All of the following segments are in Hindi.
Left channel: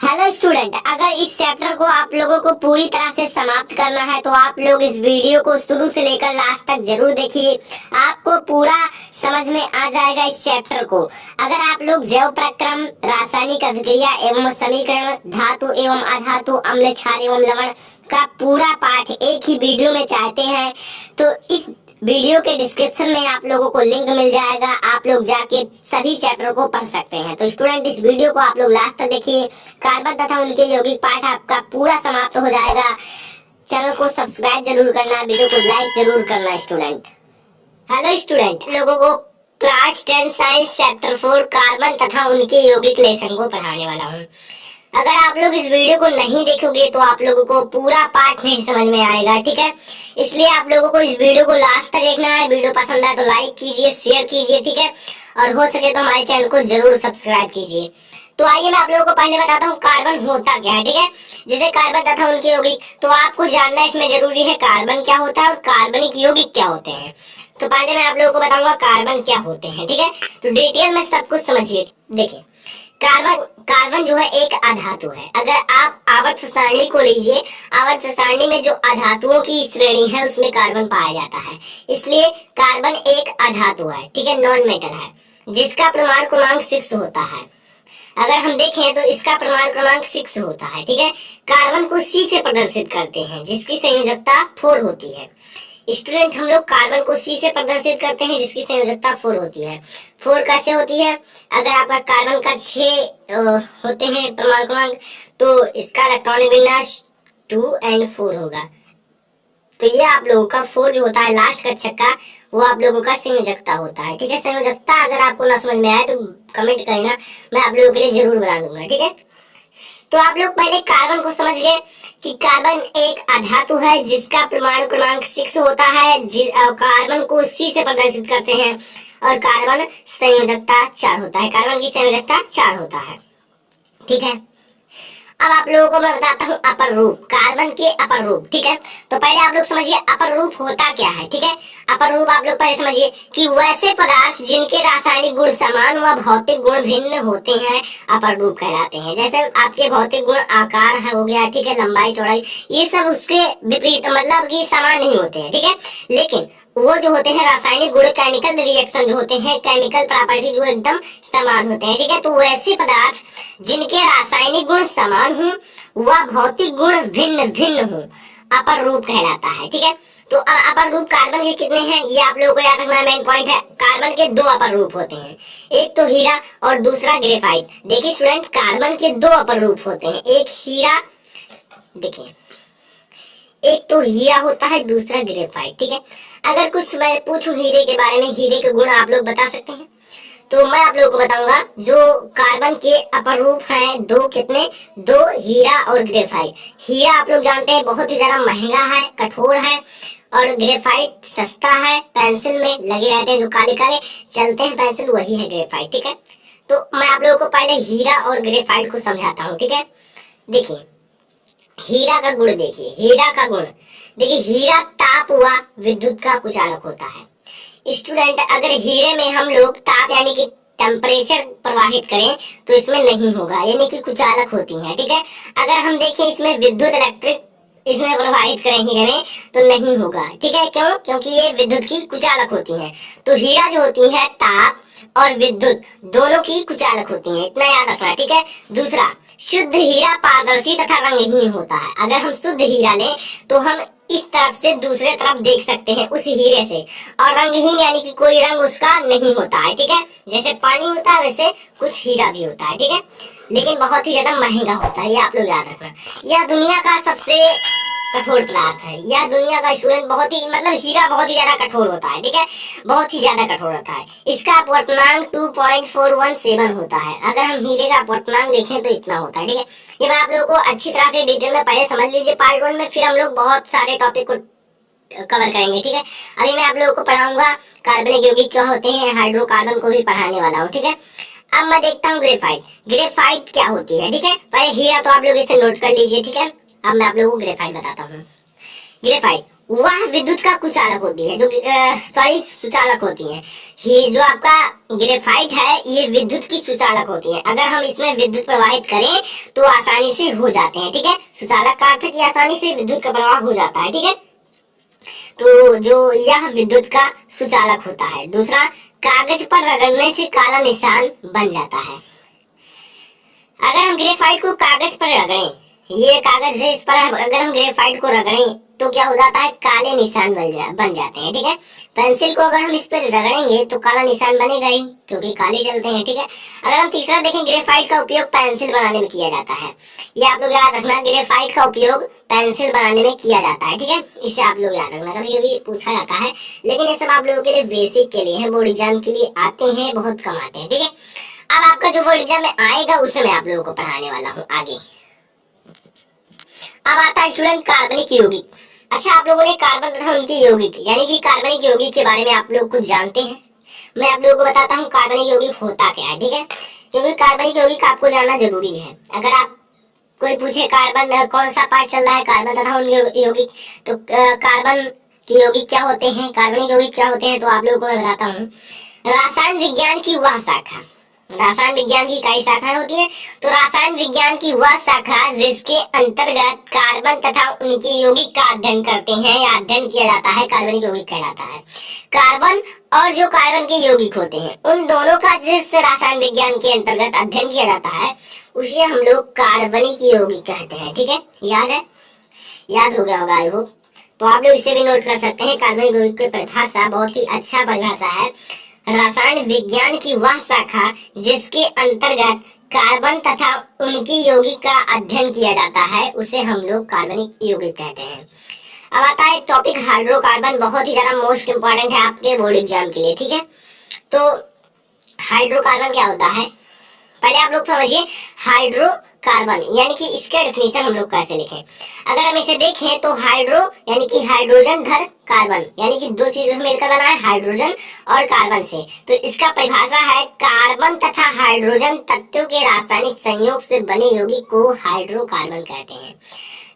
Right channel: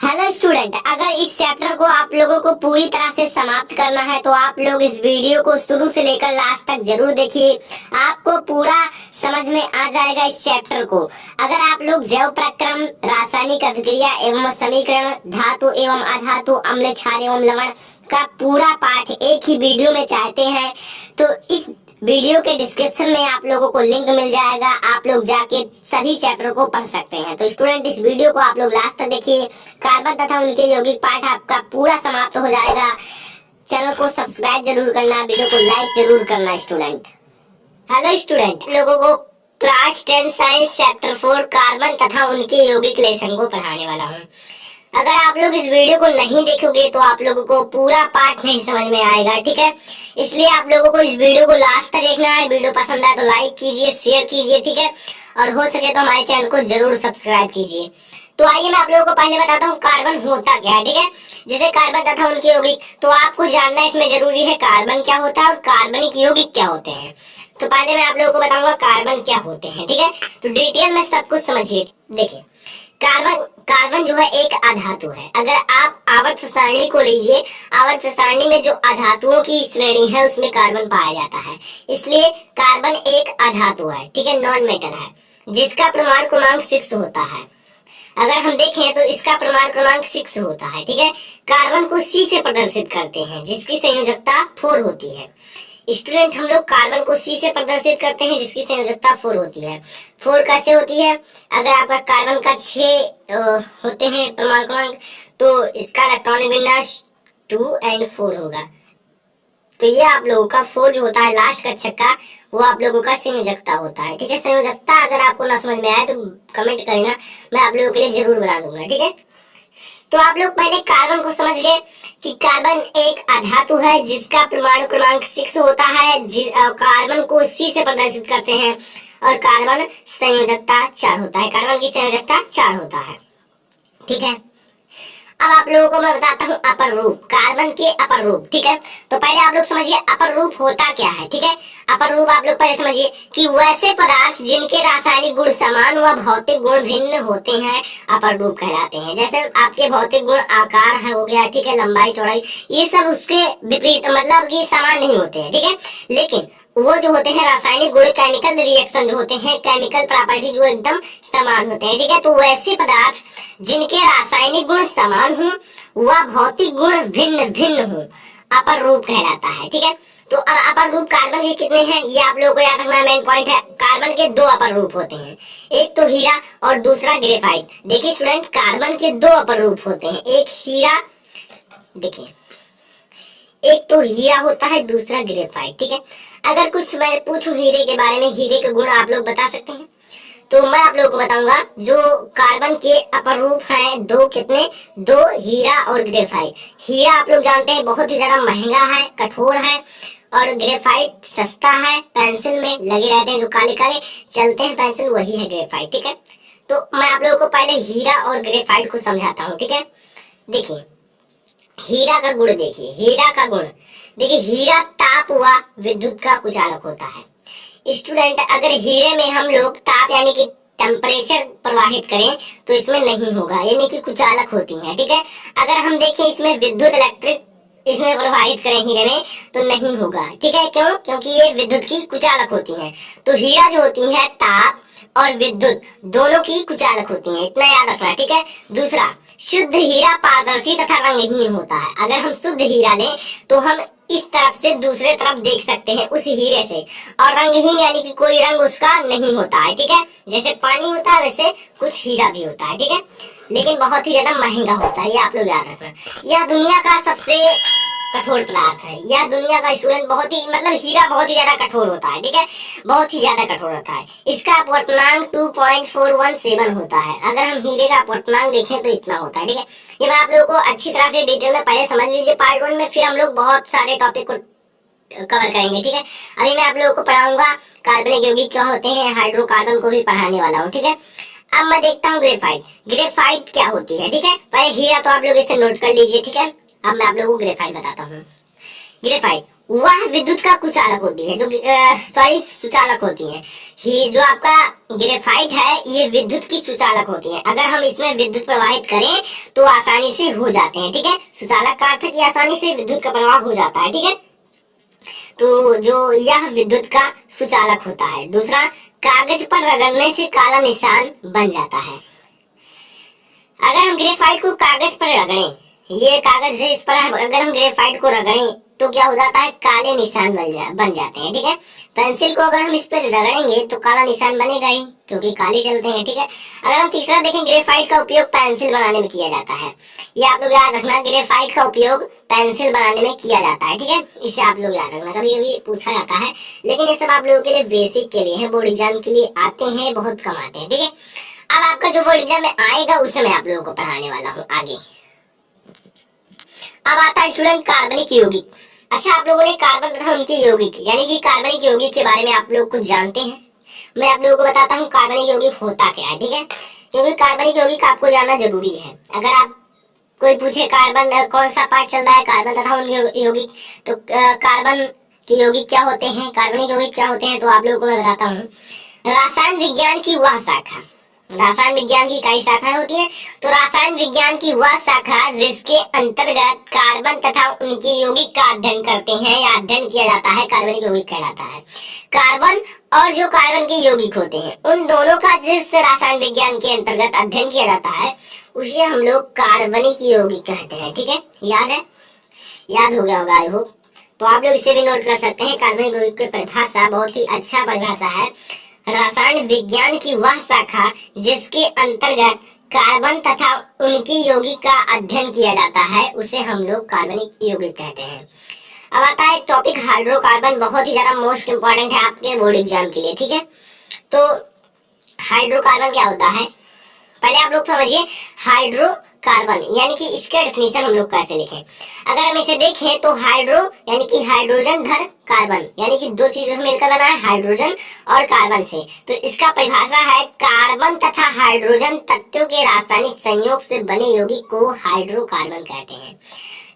हेलो स्टूडेंट, अगर इस चैप्टर को आप लोगों को पूरी तरह से समाप्त करना है तो आप लोग इस वीडियो को शुरू से लेकर लास्ट तक जरूर देखिए। आपको पूरा समझ में आ जाएगा इस चैप्टर को। अगर आप लोग जैव प्रक्रम, रासायनिक अभिक्रिया एवं समीकरण, धातु एवं अधातु, अम्ल, क्षार एवं लवण का पूरा पाठ एक ही वीडियो में चाहते हैं तो इस वीडियो के डिस्क्रिप्शन में आप लोगों को लिंक मिल जाएगा। आप लोग जाके सभी चैप्टर को पढ़ सकते हैं। तो स्टूडेंट, इस वीडियो को आप लोग लास्ट तक देखिए। कार्बन तथा उनके यौगिक पाठ आपका पूरा समाप्त हो जाएगा। चैनल को सब्सक्राइब जरूर करना, वीडियो को लाइक जरूर करना स्टूडेंट। हेलो स्टूडेंट, लोगों को क्लास 10 साइंस चैप्टर 4 कार्बन तथा उनके यौगिक लेसन को पढ़ाने वाला हूँ। अगर आप लोग इस वीडियो को नहीं देखोगे तो आप लोगों को पूरा पाठ नहीं समझ में आएगा, ठीक है। इसलिए आप लोगों को इस वीडियो को लास्ट तक देखना है। वीडियो पसंद आए तो लाइक कीजिए, शेयर कीजिए, ठीक है। और हो सके तो हमारे चैनल को जरूर सब्सक्राइब कीजिए। तो आइए मैं आप लोगों को पहले बताता हूँ कार्बन होता क्या है, ठीक है। जैसे कार्बन तथा उनके यौगिक, तो आपको जानना इसमें जरूरी है कार्बन क्या होता है और कार्बनिक यौगिक क्या होते हैं। तो पहले मैं आप लोगों को बताऊंगा कार्बन क्या होते हैं, ठीक है। तो डिटेल में सब कुछ समझिए। देखिए, कार्बन जो है एक अधातु है। अगर आप आवर्त सारणी को लीजिए, आवर्त सारणी में जो अधातुओं की श्रेणी है उसमें कार्बन पाया जाता है, इसलिए कार्बन एक अधातु है, ठीक है, नॉन मेटल है, जिसका परमाणु क्रमांक 6 होता है। अगर हम देखें तो इसका परमाणु क्रमांक 6 होता है, ठीक है। कार्बन को C से प्रदर्शित करते हैं, जिसकी संयोजकता 4 होती है। स्टूडेंट, हम लोग कार्बन को C से प्रदर्शित करते हैं जिसकी संयोजकता 4 होती है। 4 कैसे होती है? अगर आपका कार्बन का 6 होते हैं परमाणु क्रमांक, तो इसका इलेक्ट्रॉनिक विन्यास 2 और 4 होगा। तो ये आप लोगों का 4 जो होता है लास्ट का छक्का, वो आप लोगों का संयोजकता होता है, ठीक है। संयोजकता अगर आपको ना समझ में आए तो कमेंट करना, मैं आप लोगों के लिए जरूर बता दूंगा, ठीक है। तो आप लोग पहले कार्बन को समझ गए कि कार्बन एक अधातु है जिसका परमाणु क्रमांक 6 होता है। कार्बन को C से प्रदर्शित करते हैं और कार्बन संयोजकता 4 होता है। कार्बन की संयोजकता 4 होता है, ठीक है। अब आप लोगों को मैं बताता हूँ अपर रूप, कार्बन के अपर रूप, ठीक है। तो पहले आप लोग समझिए अपर रूप होता क्या है, ठीक है। अपर रूप आप लोग पहले समझिए कि वैसे पदार्थ जिनके रासायनिक गुण समान व भौतिक गुण भिन्न होते हैं अपर रूप कहलाते हैं। जैसे आपके भौतिक गुण आकार है हो गया, ठीक है, लंबाई चौड़ाई, ये सब उसके विपरीत मतलब कि समान नहीं होते हैं, ठीक है। लेकिन वो जो होते हैं रासायनिक गुण, केमिकल रिएक्शन जो होते हैं, केमिकल प्रॉपर्टी जो एकदम समान होते हैं, ठीक है। तो वैसे पदार्थ जिनके रासायनिक गुण समान हों व भौतिक गुण भिन्न भिन्न हों अपर रूप कहलाता है, ठीक है। तो अब अपर रूप कार्बन के कितने हैं ये आप लोगों को याद रखना, मेन पॉइंट है। कार्बन के 2 अपर रूप होते हैं, एक तो हीरा और दूसरा ग्रेफाइट। देखिए स्टूडेंट, कार्बन के 2 अपर रूप होते हैं, एक हीरा, देखिए एक तो हीरा होता है, दूसरा ग्रेफाइट, ठीक है। अगर कुछ मैं पूछूं हीरे के बारे में, हीरे के गुण आप लोग बता सकते हैं? तो मैं आप लोगों को बताऊंगा जो कार्बन के अपर रूप हैं 2, कितने? 2 हीरा और ग्रेफाइट। हीरा आप लोग जानते हैं बहुत ही ज्यादा महंगा है, कठोर है, और ग्रेफाइट सस्ता है, पेंसिल में लगे रहते हैं, जो काले काले चलते हैं पेंसिल, वही है ग्रेफाइट, ठीक है। तो मैं आप लोगों को पहले हीरा और ग्रेफाइट को समझाता हूँ, ठीक है। देखिए हीरा का गुण, देखिए हीरा का गुण, देखिए हीरा ताप व विद्युत का कुचालक होता है। स्टूडेंट, अगर हीरे में हम लोग ताप यानी कि टेम्परेचर प्रवाहित करें तो इसमें नहीं होगा, यानी कि कुचालक होती है, ठीक है। अगर हम देखें इसमें विद्युत इलेक्ट्रिक इसमें प्रवाहित करें हीरे में तो नहीं होगा, ठीक है। क्यों? क्योंकि ये विद्युत की कुचालक होती हैं। तो हीरा जो होती है ताप और विद्युत दोनों की कुचालक होती हैं, इतना याद रखना, ठीक है। दूसरा, शुद्ध हीरा पारदर्शी तथा रंगहीन होता है। अगर हम शुद्ध हीरा लें तो हम इस तरफ से दूसरे तरफ देख सकते हैं उस हीरे से, और रंगहीन यानी कि कोई रंग उसका नहीं होता है, ठीक है। जैसे पानी होता है वैसे कुछ हीरा भी होता है, ठीक है, लेकिन बहुत ही ज्यादा महंगा होता है, ये आप लोग याद रखना। यह दुनिया का सबसे कठोर पदार्थ है, या दुनिया का स्टूडेंट बहुत ही मतलब हीरा बहुत ही ज्यादा कठोर होता है, ठीक है, बहुत ही ज्यादा कठोर होता है। इसका अपवर्तनांक 2.417 होता है। अगर हम हीरे का अपवर्तनांक देखें तो इतना होता है, ठीक है। ये मैं आप लोगों को अच्छी तरह से डिटेल में पहले समझ लीजिए पार्ट 1 में, फिर हम लोग बहुत सारे टॉपिक को कवर करेंगे, ठीक है। अभी मैं आप लोगों को पढ़ाऊंगा कार्बनिक यौगिक क्या होते हैं, हाइड्रोकार्बन को भी पढ़ाने वाला हूँ, ठीक है। अब मैं देखता हूँ ग्रेफाइट। ग्रेफाइट क्या होती है, ठीक है। पहले हीरा तो आप लोग इसे नोट कर लीजिए, ठीक है। अब मैं आप लोगों को ग्रेफाइट बताता हूँ। ग्रेफाइट वह विद्युत का कुचालक होती है, जो सुचालक होती है। ही जो आपका ग्रेफाइट है ये विद्युत की सुचालक होती है। अगर हम इसमें विद्युत प्रवाहित करें तो आसानी से हो जाते हैं, ठीक है। सुचालक का अर्थ है कि आसानी से विद्युत का प्रवाह हो जाता है, ठीक है। तो जो यह विद्युत का सुचालक होता है। दूसरा, कागज पर रगड़ने से काला निशान बन जाता है। अगर हम ग्रेफाइट को कागज पर रगड़ें, ये कागज है, इस पर अगर हम ग्रेफाइट को रगड़ें तो क्या हो जाता है, काले निशान बन जाते हैं, ठीक है। पेंसिल को अगर हम इस पर रगड़ेंगे तो काला निशान बनेगा ही, क्योंकि काले चलते हैं, ठीक है। अगर हम तीसरा देखें, ग्रेफाइट का उपयोग पेंसिल बनाने में किया जाता है। ये आप लोग याद रखना, ग्रेफाइट का उपयोग पेंसिल बनाने में किया जाता है, ठीक है। इसे आप लोग याद रखना, कभी कभी पूछा जाता है, लेकिन ये सब आप लोगों के लिए बेसिक के लिए है, बोर्ड एग्जाम के लिए आते हैं, बहुत कम आते हैं, ठीक है। अब आपका जो बोर्ड एग्जाम में आएगा उसे मैं आप लोगों को पढ़ाने वाला हूँ आगे। अब आता है स्टूडेंट कार्बनिक यौगिक। अच्छा, आप लोगों ने कार्बन तथा उनके यौगिक यानी कि कार्बनिक यौगिक के बारे में आप लोग कुछ जानते हैं। मैं आप लोगों को बताता हूँ कार्बनिक यौगिक होता क्या है, ठीक है। क्योंकि कार्बनिक यौगिक आपको जानना जरूरी है। अगर आप कोई पूछे कार्बन कौन सा पार्ट चल रहा है, कार्बन तथा उनके यौगिक, तो कार्बन के यौगिक क्या होते हैं, कार्बनिक यौगिक क्या होते हैं, तो आप लोगों को मैं बताता हूँ। रसायन विज्ञान की वह शाखा, रसायन विज्ञान की कई शाखाएं होती हैं, तो रसायन विज्ञान की वह शाखा जिसके अंतर्गत कार्बन तथा उनके यौगिक का अध्ययन करते हैं या अध्ययन किया जाता है, कार्बनिक यौगिक कहलाता है। कार्बन और जो कार्बन के यौगिक होते हैं उन दोनों का जिस रसायन विज्ञान के अंतर्गत अध्ययन किया जाता है उसे हम लोग कार्बनिक यौगिक कहते हैं, ठीक है। याद है, याद हो गया होगा आई होप। तो आप लोग इसे भी नोट कर सकते हैं। कार्बनिक यौगिक की परिभाषा बहुत ही अच्छा परिभाषा है। रसायन विज्ञान की वह शाखा जिसके अंतर्गत कार्बन तथा उनके यौगिक का अध्ययन किया जाता है उसे हम लोग कार्बनिक यौगिक कहते हैं। अब आता है टॉपिक हाइड्रोकार्बन, बहुत ही ज्यादा मोस्ट इंपॉर्टेंट है आपके बोर्ड एग्जाम के लिए, ठीक है। तो हाइड्रोकार्बन क्या होता है, पहले आप लोग समझिए। हाइड्रोकार्बन यानी कि इसका डेफिनेशन हम लोग कैसे लिखें। अगर हम इसे देखें तो हाइड्रो यानी कि हाइड्रोजन धर कार्बन, यानी कि दो चीजों से मिलकर बना है, हाइड्रोजन और कार्बन से। तो इसका परिभाषा है, कार्बन तथा हाइड्रोजन तत्वों के रासायनिक संयोग से बने यौगिक को हाइड्रोकार्बन कहते हैं।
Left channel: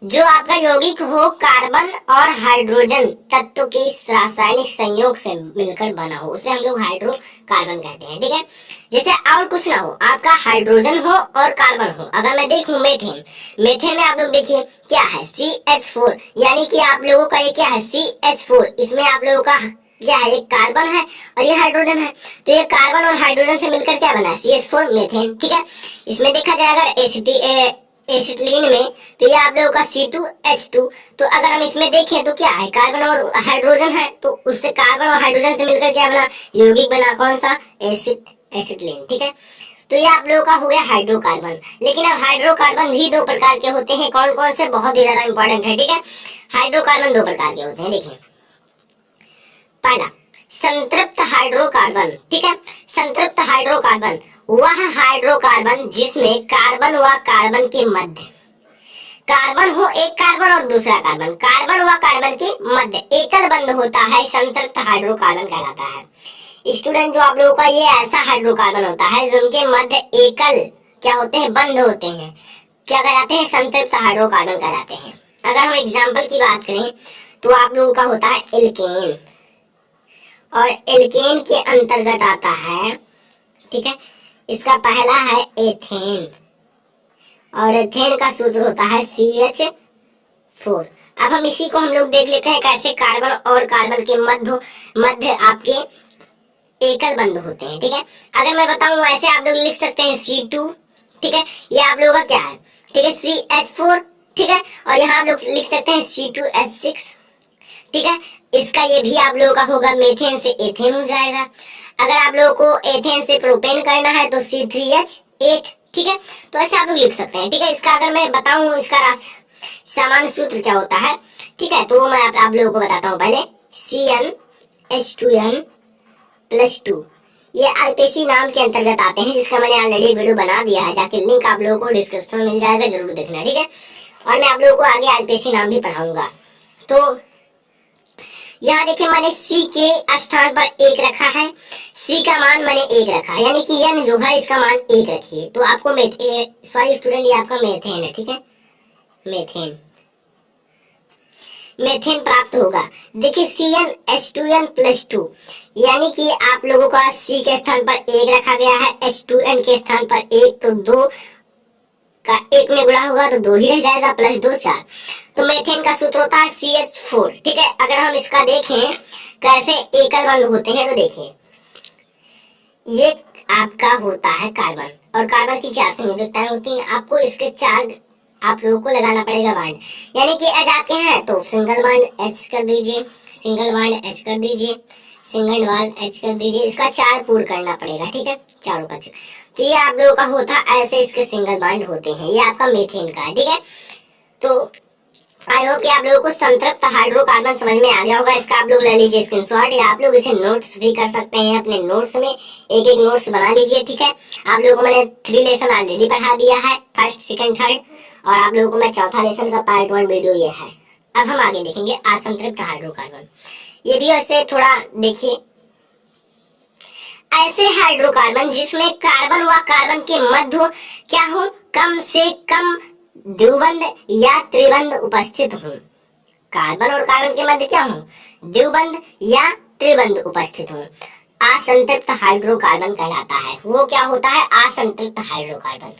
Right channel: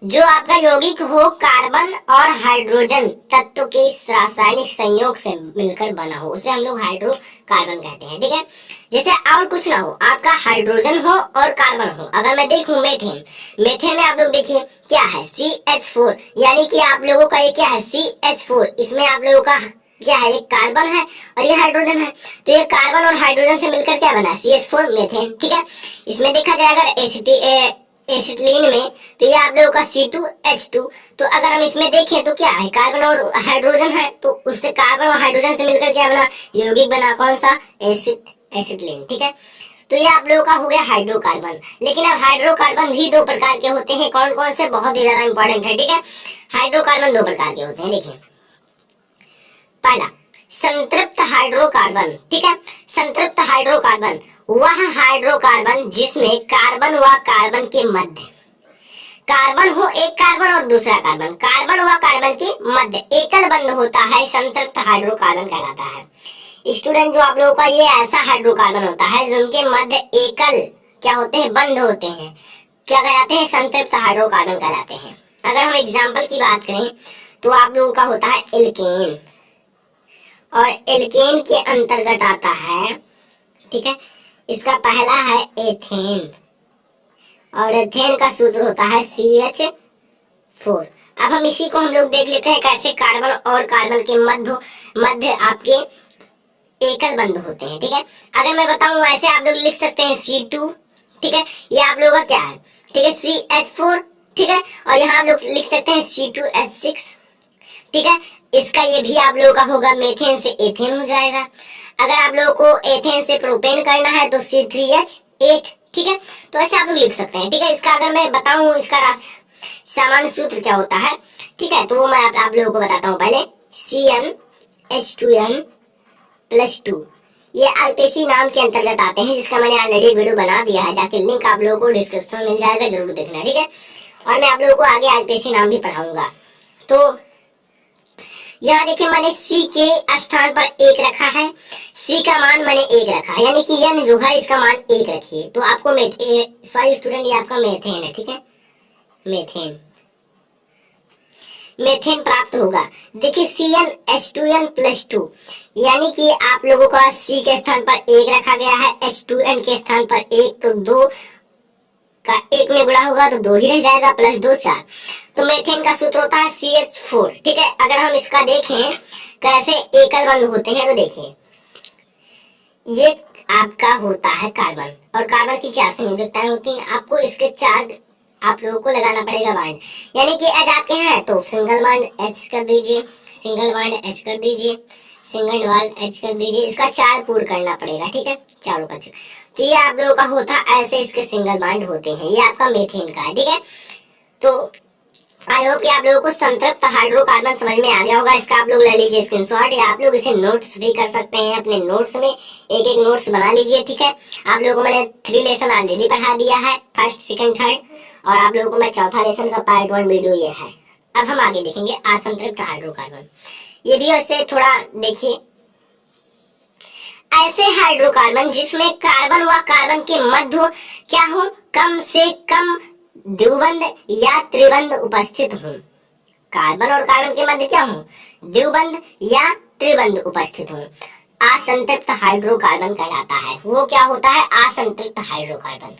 जो आपका यौगिक हो कार्बन और हाइड्रोजन तत्व के रासायनिक संयोग से मिलकर बना हो उसे हम लोग हाइड्रोकार्बन कहते हैं, ठीक है। जैसे और कुछ ना हो, आपका हाइड्रोजन हो और कार्बन हो। अगर मैं देखूं मीथेन, मीथेन में आप लोग देखिए क्या है, CH4, यानी कि आप लोगों का ये क्या है, CH4। इसमें आप लोगों का क्या है, एक कार्बन है और ये हाइड्रोजन है। तो ये कार्बन और हाइड्रोजन से मिलकर क्या बना है, CH4 मीथेन, ठीक है। इसमें देखा जाए अगर एसिटिलीन में, तो ये आप लोगों का C2H2। तो अगर हम इसमें देखें तो क्या है, कार्बन और हाइड्रोजन है, तो उससे कार्बन और हाइड्रोजन से मिलकर क्या बना, यौगिक बना, कौन सा, एसिटिलीन, ठीक है। तो ये आप लोगों का हो गया हाइड्रोकार्बन। लेकिन अब हाइड्रोकार्बन भी दो प्रकार के होते हैं, कौन कौन से, बहुत ही ज्यादा इंपॉर्टेंट है, ठीक है। हाइड्रोकार्बन दो प्रकार के होते हैं, देखिए। पहला संतृप्त हाइड्रोकार्बन, ठीक है। संतृप्त हाइड्रोकार्बन वह हाइड्रोकार्बन जिसमें कार्बन व कार्बन के मध्य, कार्बन हो एक कार्बन और दूसरा कार्बन, कार्बन व कार्बन के मध्य एकल बंध होता है, संतृप्त हाइड्रोकार्बन कहलाता है। स्टूडेंट, जो आप लोगों का ये ऐसा हाइड्रोकार्बन होता है जिनके मध्य एकल क्या होते हैं, बंध होते हैं, क्या कहलाते हैं, संतृप्त हाइड्रोकार्बन कहलाते हैं। अगर हम एग्जाम्पल की बात करें तो आप लोगों का होता है एल्केन, और एल्केन के अंतर्गत आता है, ठीक है, इसका पहला है एथेन, और एथेन का सूत्र होता है CH4। अब हम इसी को हम लोग देख लेते हैं कैसे कार्बन और कार्बन के मध्य आपके एकल बंध होते हैं, ठीक है। अगर मैं बताऊं ऐसे आप लोग लिख सकते हैं C2, ठीक है, ये आप लोगों का क्या है, ठीक है, CH4, ठीक है, और यहाँ आप लोग लिख सकते हैं C2H6, ठीक है। इसका ये भी आप लोगों का होगा, मेथेन से एथेन हो जाएगा। अगर आप लोगों को एथेन से प्रोपेन करना है तो C3H8, ठीक है। तो ऐसे आप लोग लिख सकते हैं, ठीक है। इसका अगर मैं बताऊं इसका सामान्य सूत्र क्या होता है, ठीक है, तो मैं आप लोगों को बताता हूं। पहले CnH2n+2, ये IPC नाम के अंतर्गत आते हैं, जिसका मैंने ऑलरेडी वीडियो बना दिया है, जाके लिंक आप लोगों को डिस्क्रिप्शन में मिल जाएगा, जरूर देखना, ठीक है। और मैं आप लोगों को आगे IPC नाम भी पढ़ाऊंगा। तो यहाँ देखिए मैंने C के स्थान पर 1 रखा है, C का मान मैंने 1 रखा है, यानी कि N जो है इसका मान 1 रखिए। तो आपको सॉरी स्टूडेंट, ये आपका मेथेन है, ठीक है, मेथेन। मेथेन प्राप्त होगा। देखिए CnH2n+2, यानी कि आप लोगों का C के स्थान पर 1 रखा गया है, H2n के स्थान पर 1, तो 2 का 1 में गुणा होगा तो 2 ही रह जाएगा, +2 4। तो मेथेन का सूत्र होता है CH4। ठीक है, अगर हम इसका देखें कैसे एकल बंध होते हैं, तो देखिए ये आपका होता है कार्बन, और कार्बन की 4 संयोजकताएं होती हैं। आपको इसके 4 आप लोगों को लगाना पड़ेगा बांड, यानी कि H आपके हैं तो सिंगल बांड H कर दीजिए, सिंगल बांड H कर दीजिए, सिंगल बांड H कर दीजिए, इसका 4 पूर्ण करना पड़ेगा। ठीक है, चारों का। तो ये आप लोगों का होता है, ऐसे इसके सिंगल बांड होते हैं। ये आपका मेथेन का है। ठीक है, तो आई होप कि आप लोगों को संतृप्त हाइड्रोकार्बन समझ में आ गया होगा। इसका आप लोग ले लीजिए स्क्रीनशॉट, या आप लोग इसे नोट्स भी कर सकते हैं अपने नोट्स में, एक एक नोट्स बना लीजिए। ठीक है, आप लोगों को मैंने 3 लेसन ऑलरेडी पढ़ा दिया है, फर्स्ट सेकंड थर्ड, और आप लोगों को मैं चौथा लेसन का पार्ट 1 वीडियो ये है। अब हम आगे देखेंगे असंतृप्त हाइड्रोकार्बन। ये भी वैसे थोड़ा देखिए, ऐसे हाइड्रोकार्बन जिसमें कार्बन व कार्बन के मध्य क्या हो, कम से कम द्विबंध या त्रिबंध उपस्थित हो। कार्बन और कार्बन के मध्य क्या हो, द्विबंध या त्रिबंध उपस्थित हो, असंतृप्त हाइड्रोकार्बन कहलाता है। वो क्या होता है, असंतृप्त हाइड्रोकार्बन।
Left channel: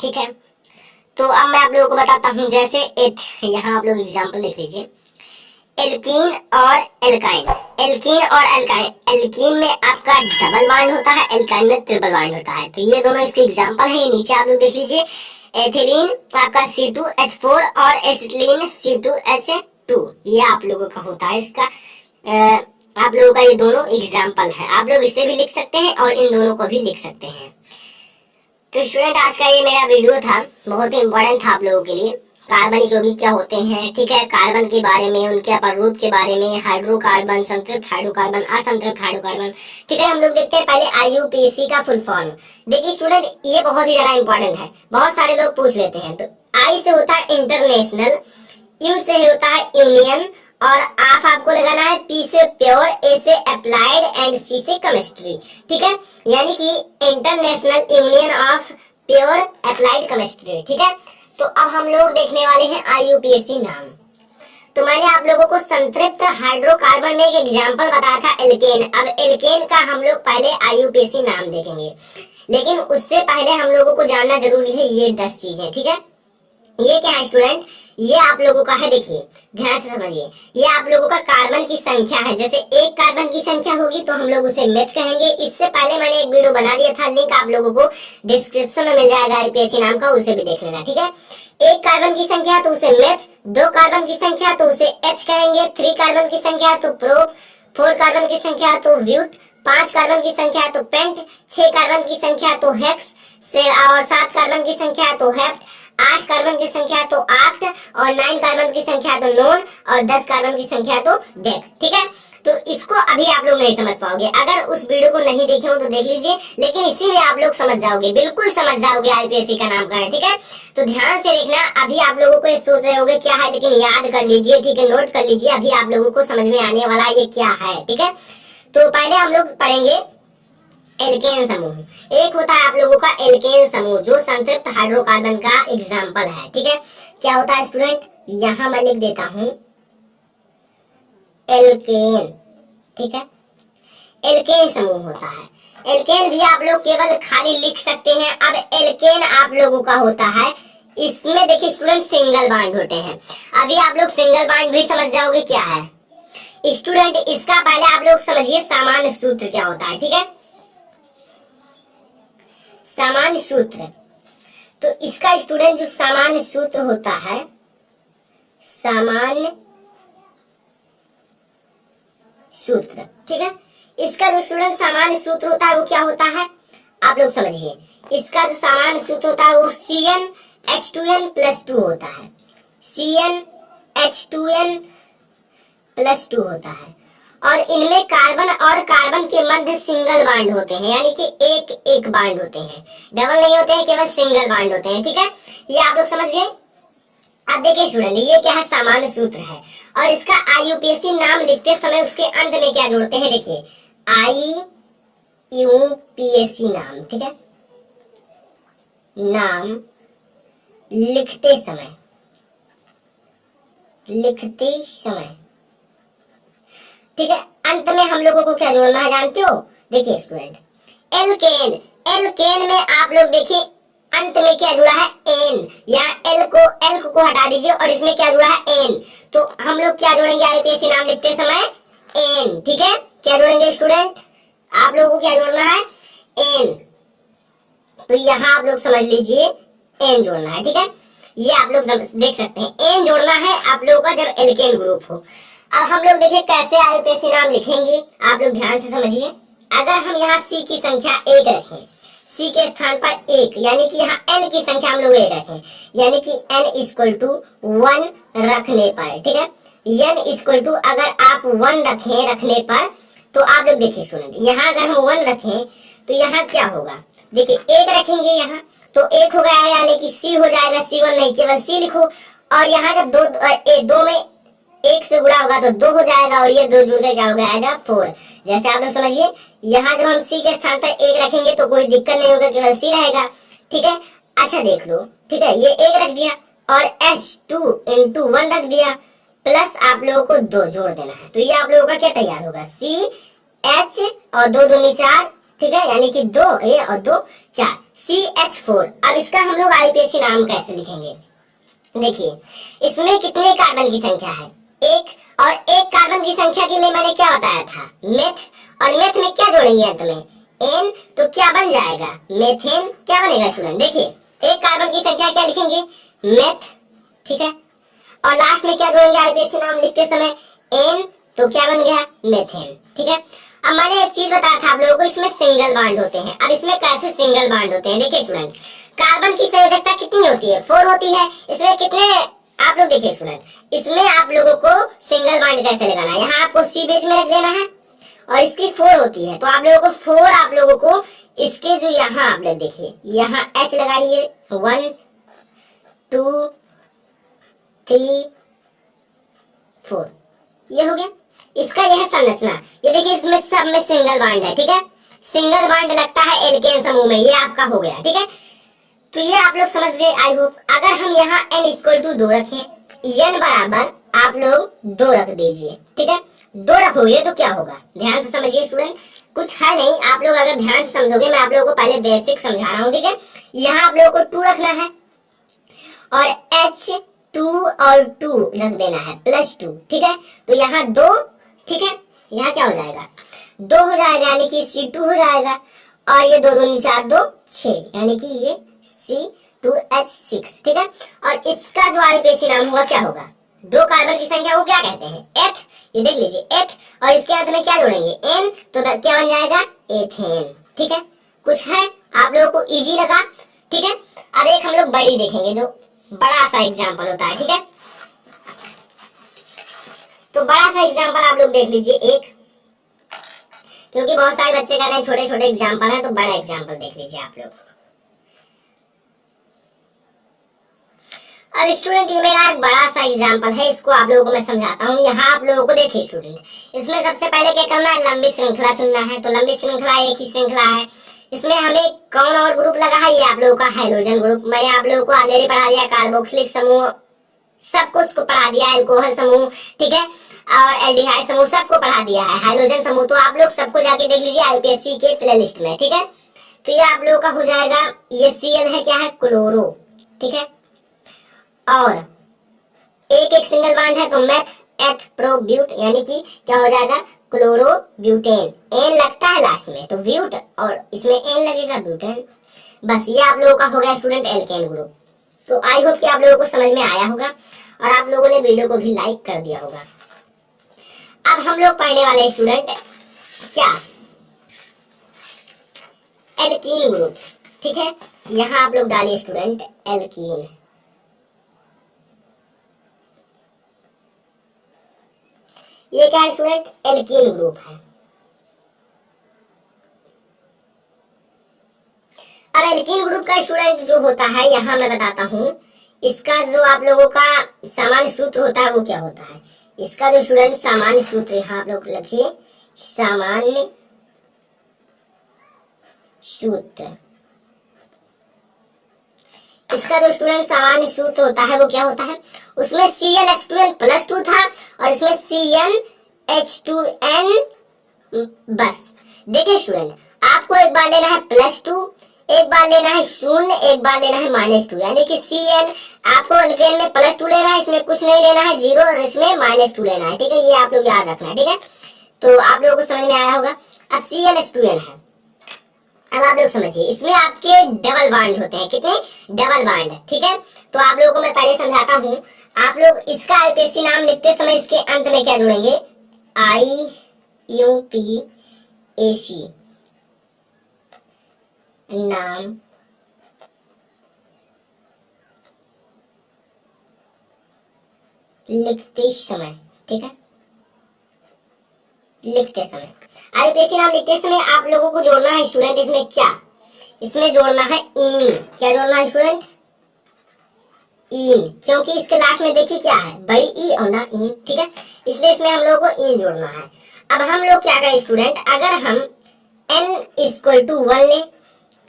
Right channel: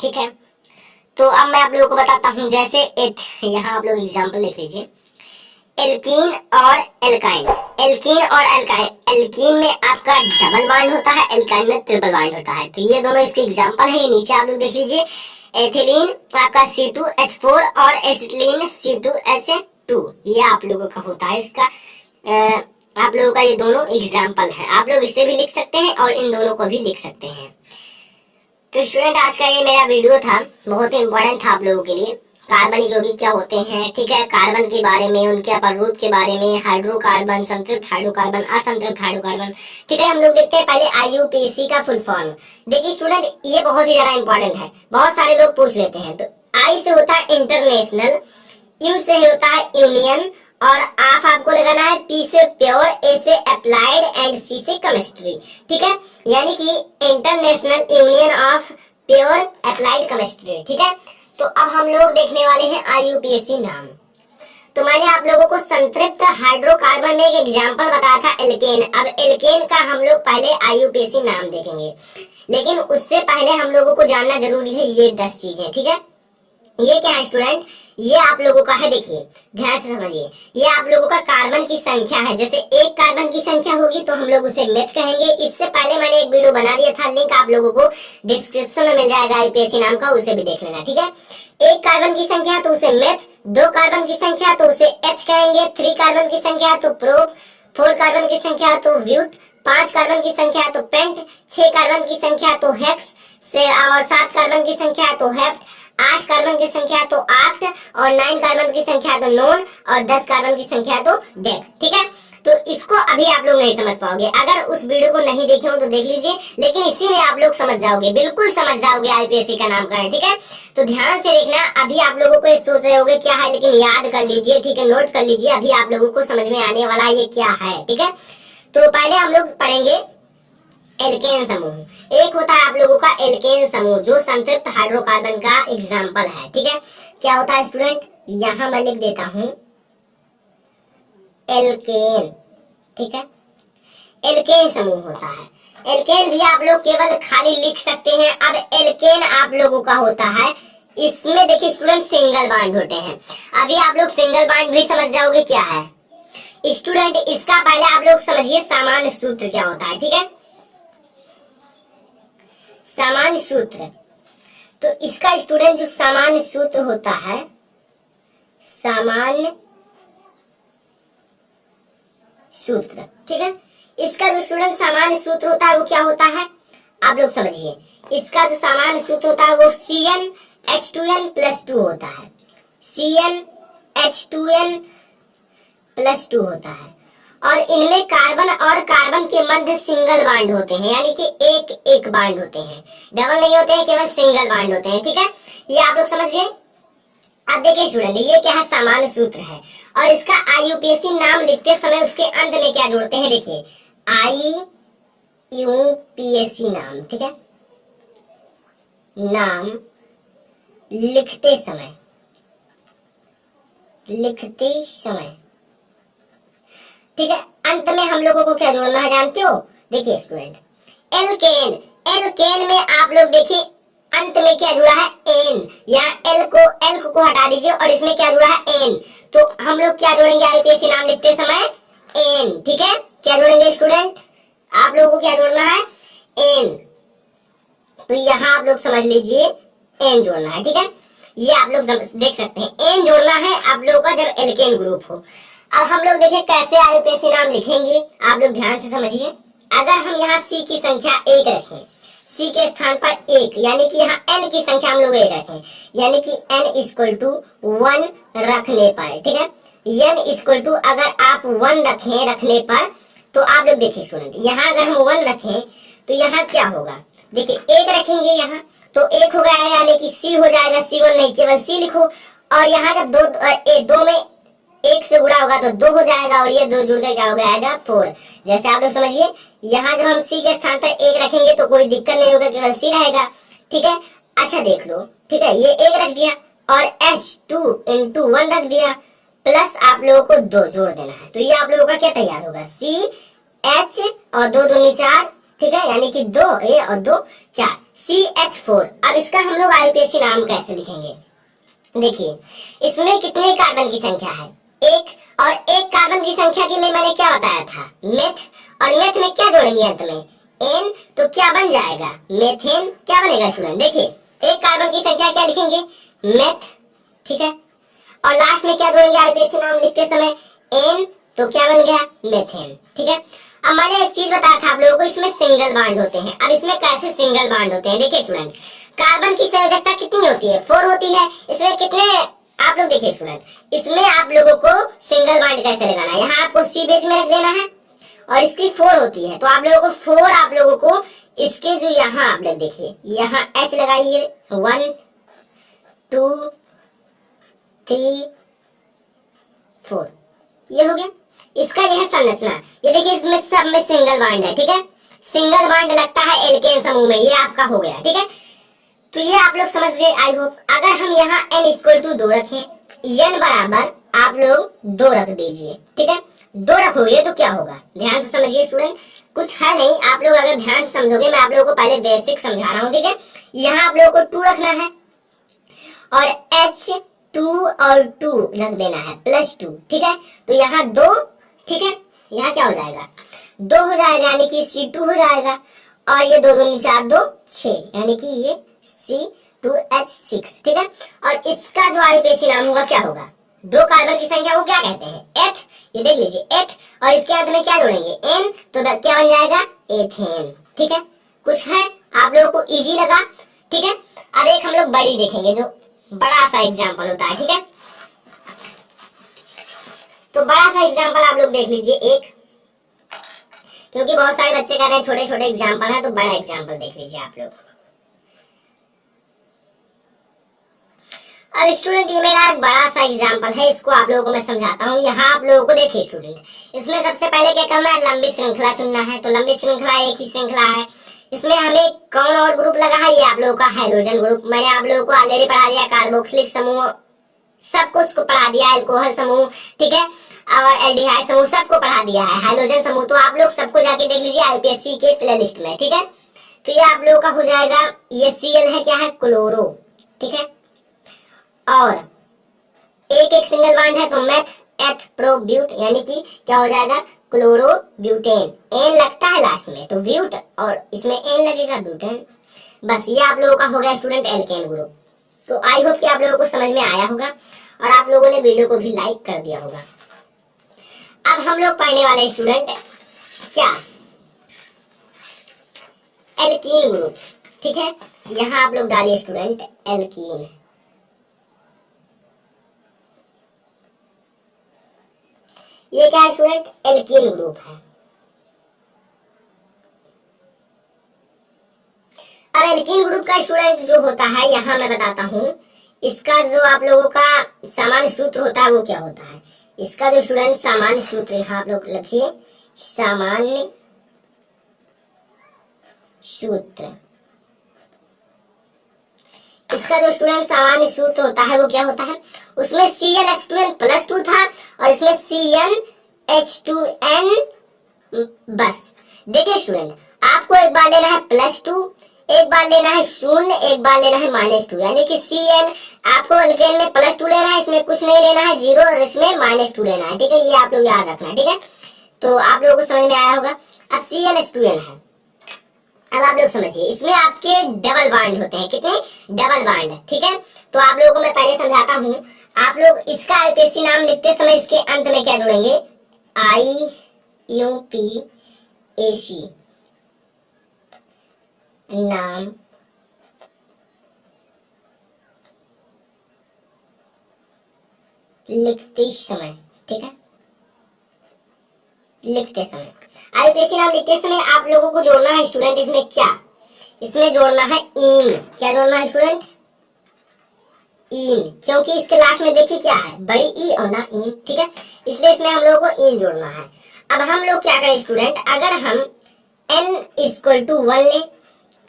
ठीक है, तो अब मैं आप लोगों को बताता हूं, जैसे यहाँ आप लोग एग्जाम्पल लिख लीजिए, एल्कीन और एल्काइन। एल्कीन और एल्काइन, एल्कीन में आपका डबल बॉन्ड होता है, एल्काइन में ट्रिपल बॉन्ड होता है। तो ये दोनों इसके एग्जांपल हैं, ये नीचे आप लोग देख लीजिए। एथिलीन आपका C2H4 और एसिटिलीन C2H2, ये आप लोगों का होता है। इसका आप लोगों का ये दोनों एग्जाम्पल है। आप लोग इसे भी लिख सकते हैं और इन दोनों को भी लिख सकते हैं। तो स्टूडेंट, आज का ये मेरा वीडियो था, बहुत ही इंपॉर्टेंट था आप लोगों के लिए। कार्बनिक यौगिक क्या होते हैं, ठीक है, कार्बन के बारे में, उनके अपरूप के बारे में, हाइड्रोकार्बन, संतृप्त हाइड्रोकार्बन, असंतृप्त हाइड्रोकार्बन। ठीक है, हम लोग देखते हैं पहले IUPAC का फुल फॉर्म। देखिए स्टूडेंट, ये बहुत ही ज्यादा इंपॉर्टेंट है, बहुत सारे लोग पूछ लेते हैं। तो I से होता है इंटरनेशनल, U से होता है यूनियन, और आपको लगाना है, P से प्योर, A से अप्लाइड एंड C से केमिस्ट्री। ठीक है, यानी कि international union of pure applied chemistry. ठीक है, तो अब हम लोग देखने वाले हैं IUPAC नाम। तो मैंने आप लोगों को संतृप्त हाइड्रोकार्बन में एक एग्जांपल बताया था, एल्केन। अब एल्केन का हम लोग पहले IUPAC नाम देखेंगे, लेकिन उससे पहले हम लोगों को जानना जरूरी है ये 10 चीजें। ठीक है, ये क्या है स्टूडेंट, ये आप लोगों का है, देखिए ध्यान से समझिए, ये आप लोगों का कार्बन की संख्या है। जैसे एक कार्बन की संख्या होगी तो हम लोग उसे मेथ कहेंगे। इससे पहले मैंने एक वीडियो बना दिया था, लिंक आप लोगों को डिस्क्रिप्शन में मिल जाएगा IUPAC नाम का, उसे भी देख लेना। ठीक है, एक कार्बन की संख्या तो उसे मेथ, 2 कार्बन की संख्या तो उसे एथ कहेंगे, 3 कार्बन की संख्या तो प्रोप, 4 कार्बन की संख्या तो ब्यूट, 5 कार्बन की संख्या तो पेंट, 6 कार्बन की संख्या तो हेक्स से, और 7 कार्बन की संख्या तो हेप्ट, 8 कार्बन की संख्या तो आक्ट, और 9 कार्बन की संख्या तो नोन, और 10 कार्बन की संख्या तो डेक। ठीक है, तो इसको अभी आप लोग नहीं समझ पाओगे, अगर उस वीडियो को नहीं देखे हो तो देख लीजिए, लेकिन इसी में आप लोग समझ जाओगे, बिल्कुल समझ जाओगे IUPAC का नामकरण। ठीक है, तो ध्यान से देखना, अभी आप लोगों को ये सोच रहे होगे क्या है, लेकिन याद कर लीजिए। ठीक है, नोट कर लीजिए, अभी आप लोगों को समझ में आने वाला ये क्या है। ठीक है, तो पहले हम लोग पढ़ेंगे एल्केन समूह। एक होता है आप लोगों का एल्केन समूह, जो संतृप्त हाइड्रोकार्बन का एग्जाम्पल है। ठीक है, क्या होता है स्टूडेंट, यहां मैं लिख देता हूं एल्केन। ठीक है, एल्केन समूह होता है। एल्केन भी आप लोग केवल खाली लिख सकते हैं। अब एल्केन आप लोगों का होता है, इसमें देखिए स्टूडेंट सिंगल बांड होते हैं। अभी आप लोग सिंगल बांड भी समझ जाओगे क्या है स्टूडेंट। इसका पहले आप लोग समझिए सामान्य सूत्र क्या होता है। ठीक है, सामान्य सूत्र, तो इसका स्टूडेंट जो सामान्य सूत्र होता है, सामान्य सूत्र, ठीक है, इसका जो स्टूडेंट सामान्य सूत्र होता है वो क्या होता है, आप लोग समझिए। इसका जो सामान्य सूत्र होता है वो CnH2n+2 होता है, CnH2n+2 होता है। और इनमें कार्बन और कार्बन के मध्य सिंगल बांड होते हैं, यानी कि एक एक बांड होते हैं, डबल नहीं होते हैं, केवल सिंगल बांड होते हैं। ठीक है, ये आप लोग समझ गए। अब देखिए स्टूडेंट, ये क्या है, सामान्य सूत्र है, और इसका IUPAC नाम लिखते समय उसके अंत में क्या जोड़ते हैं, देखिए IUPAC नाम। ठीक है, नाम लिखते समय लिखते समय, ठीक है। अंत में हम लोगों को क्या जोड़ना है जानते हो? देखिए स्टूडेंट, एल्केन, एल्केन में आप लोग देखिए अंत में क्या जुड़ा है? एन। यहाँ एल को हटा दीजिए और इसमें क्या जुड़ा है? एन। तो हम लोग क्या जोड़ेंगे आईपीएससी नाम लिखते समय? एन, ठीक है। क्या जोड़ेंगे स्टूडेंट? आप लोगों को क्या जोड़ना है? एन। तो यहाँ आप लोग समझ लीजिए एन जोड़ना है, ठीक है। ये आप लोग देख सकते हैं एन जोड़ना है आप लोगों का जब एल्केन ग्रुप हो। अब हम लोग देखिए कैसे आईपीएससी नाम लिखेंगे, आप लोग ध्यान से समझिए। अगर हम यहाँ सी की संख्या 1 रखें, सी के स्थान पर 1, यानी कि यहाँ एन की संख्या हम लोग 1 रखें, यानी कि एन इक्वल टू 1 रखने पर, ठीक है। एन इक्वल टू अगर आप 1 रखें रखने पर, तो आप लोग देखिए स्टूडेंट, यहाँ अगर हम 1 रखें तो यहाँ क्या होगा? देखिए 1 रखेंगे यहाँ तो 1 हो गया, यानी कि सी हो जाएगा, C1 नहीं केवल सी लिखो। और यहाँ जब दो में 1 से गुणा होगा तो 2 हो जाएगा, और ये 2 जुड़ कर क्या हो जाएगा? 4। जैसे आप लोग समझिए, यहाँ जब हम सी के स्थान पर 1 रखेंगे तो कोई दिक्कत नहीं होगा, केवल सी रहेगा, ठीक है। अच्छा देख लो, ठीक है, ये 1 रख दिया और S2 into 1 रख दिया, प्लस आप लोगों को 2 जोड़ देना है। तो ये आप लोगों का क्या तैयार होगा? CH और 2 दूनी 4, ठीक है, यानी कि 2 A और 2 4, CH4। अब इसका हम लोग आईपीएससी नाम कैसे लिखेंगे? देखिए इसमें कितने कार्बन की संख्या है? 1, और 1 कार्बन की संख्या के लिए मैंने क्या बताया था? मेथ। और मेथ में क्या जोड़ेंगे अंत में? एन। तो क्या बन जाएगा? मेथेन। क्या बनेगा स्टूडेंट? देखिए 1 कार्बन की संख्या क्या लिखेंगे? मेथ, ठीक है। और लास्ट में क्या जोड़ेंगे आईपीएससी नाम लिखते समय? एन। तो क्या बन गया? मेथेन, ठीक है। अब मैंने एक चीज बताया था आप लोगों को, इसमें सिंगल बॉन्ड होते हैं। अब इसमें कैसे सिंगल बॉन्ड होते हैं? देखिए स्टूडेंट, कार्बन की संयोजकता कितनी होती है? 4 होती है। इसमें कितने आप लोग देखिए स्टूडेंट, इसमें आप लोगों को सिंगल बॉन्ड कैसे लगाना है? यहाँ आपको सी बीच में रख देना है और इसकी 4 होती है, तो आप लोगों को 4 आप लोगों को इसके जो यहाँ आप लोग देखिए यहाँ H लगाइए, 1 2 3 4, ये हो गया इसका यह संरचना। ये देखिए इसमें सब में सिंगल बॉन्ड है, ठीक है। सिंगल बॉन्ड लगता है एल्केन समूह में, ये आपका हो गया, ठीक है। तो ये आप लोग समझ गए आई होप। अगर हम यहाँ n इक्वल टू 2 रखें, n बराबर आप लोग 2 रख दीजिए, ठीक है। 2 रखोगे तो क्या होगा? ध्यान से समझिए स्टूडेंट, कुछ है नहीं, आप लोग अगर ध्यान से समझोगे, मैं आप लोगों को पहले बेसिक समझा रहा हूँ, ठीक है। यहाँ आप लोगों को 2 रखना है और H2 और 2 रख देना है, +2, ठीक है। तो यहाँ 2, ठीक है, यहाँ क्या हो जाएगा? 2 हो जाएगा, यानी कि C2 हो जाएगा, और ये 2 दूनी 4 2 6, यानी कि ये C2H6, ठीक है। और इसका जो आईपीएससी नाम होगा क्या होगा? 2 कार्बन की संख्या को क्या कहते हैं? एथ। ये देख लीजिए एथ, और इसके अंत में क्या जोड़ेंगे? एन। तो क्या बन जाएगा? एथेन, ठीक है। कुछ है आप लोगों को इजी लगा, ठीक है। अब एक हम लोग बड़ी देखेंगे, जो बड़ा सा एग्जाम्पल होता है, ठीक है। तो बड़ा सा एग्जाम्पल आप लोग देख लीजिए एक, क्योंकि बहुत सारे बच्चे कह रहे हैं छोटे छोटे एग्जाम्पल है, तो बड़ा एग्जाम्पल देख लीजिए आप लोग। अब स्टूडेंट ये मेरा एक बड़ा सा एग्जाम्पल है, इसको आप लोगों को मैं समझाता हूँ। यहाँ आप लोगों को देखिए स्टूडेंट, इसमें सबसे पहले क्या करना है? लंबी श्रृंखला चुनना है। तो लंबी श्रृंखला एक ही श्रृंखला है, इसमें हमें कौन और ग्रुप लगा है? ये आप लोगों का हाइड्रोजन ग्रुप। मैंने आप लोगों को ऑलरेडी पढ़ा दिया, कार्बोक्सिलिक समूह सब कुछ को पढ़ा दिया, अल्कोहल समूह, ठीक है, और एल्डिहाइड समूह सबको पढ़ा दिया है, हाइड्रोजन समूह। तो आप लोग सबको जाके देख लीजिए आईपीएससी के प्ले लिस्ट में, ठीक है। तो ये आप लोगों का हो जाएगा, ये Cl है, क्या है? क्लोरो, ठीक है। और एक सिंगल बॉन्ड है, तो मेथ एथ प्रो ब्यूट, यानी कि क्या हो जाएगा? Chloro butane. एन लगता है लास्ट में, तो ब्यूट, और इसमें एन लगेगा, ब्यूटेन। बस ये आप लोगों का हो गया स्टूडेंट एल्केन ग्रुप। तो आई होप कि आप लोगों को समझ में आया होगा, और आप लोगों ने वीडियो को भी लाइक कर दिया होगा। अब हम लोग पढ़ने वाले स्टूडेंट क्या? एल्कीन ग्रुप, ठीक है। यहाँ आप लोग डालिए स्टूडेंट एल्कीन। ये क्या है स्टूडेंट? एल्कीन ग्रुप है। अब एल्कीन ग्रुप का स्टूडेंट जो होता है, यहाँ मैं बताता हूँ, इसका जो आप लोगों का सामान्य सूत्र होता है वो क्या होता है? इसका जो स्टूडेंट सामान्य सूत्र, यहाँ आप लोग लिखिए सामान्य सूत्र। इसका जो स्टूडेंट सामान्य सूत्र होता है वो क्या होता है, उसमें CnH2n+2 था और इसमें CnH2n बस। देखिए स्टूडेंट, आपको एक बार लेना है +2, एक बार लेना है 0, एक बार लेना है -2, यानी कि Cn आपको एल्केन में +2 लेना है, इसमें कुछ नहीं लेना है 0 और इसमें -2 लेना है। ठीक है, ये आप लोग याद रखना है। ठीक है, तो आप लोगों को समझ में आया होगा। अब CnH2n है, अब आप लोग समझिए, इसमें आपके डबल बॉन्ड होते हैं। कितने डबल बॉन्ड? ठीक है, तो आप लोगों को मैं पहले समझाता हूँ। आप लोग इसका IUPAC नाम लिखते समय इसके अंत में क्या जोड़ेंगे, IUPAC नाम लिखते समय। ठीक है, लिखते समय IUPAC नाम लिखते समय आप लोगों को जोड़ना है स्टूडेंट, इसमें क्या, इसमें जोड़ना है इन। क्या जोड़ना है स्टूडेंट, इन, क्योंकि इसके लास्ट में देखिए क्या है, बड़ी ई और ना इन। ठीक है, इसलिए इसमें हम लोगों को इन जोड़ना है। अब हम लोग क्या करें स्टूडेंट, अगर हम n = 1 लें,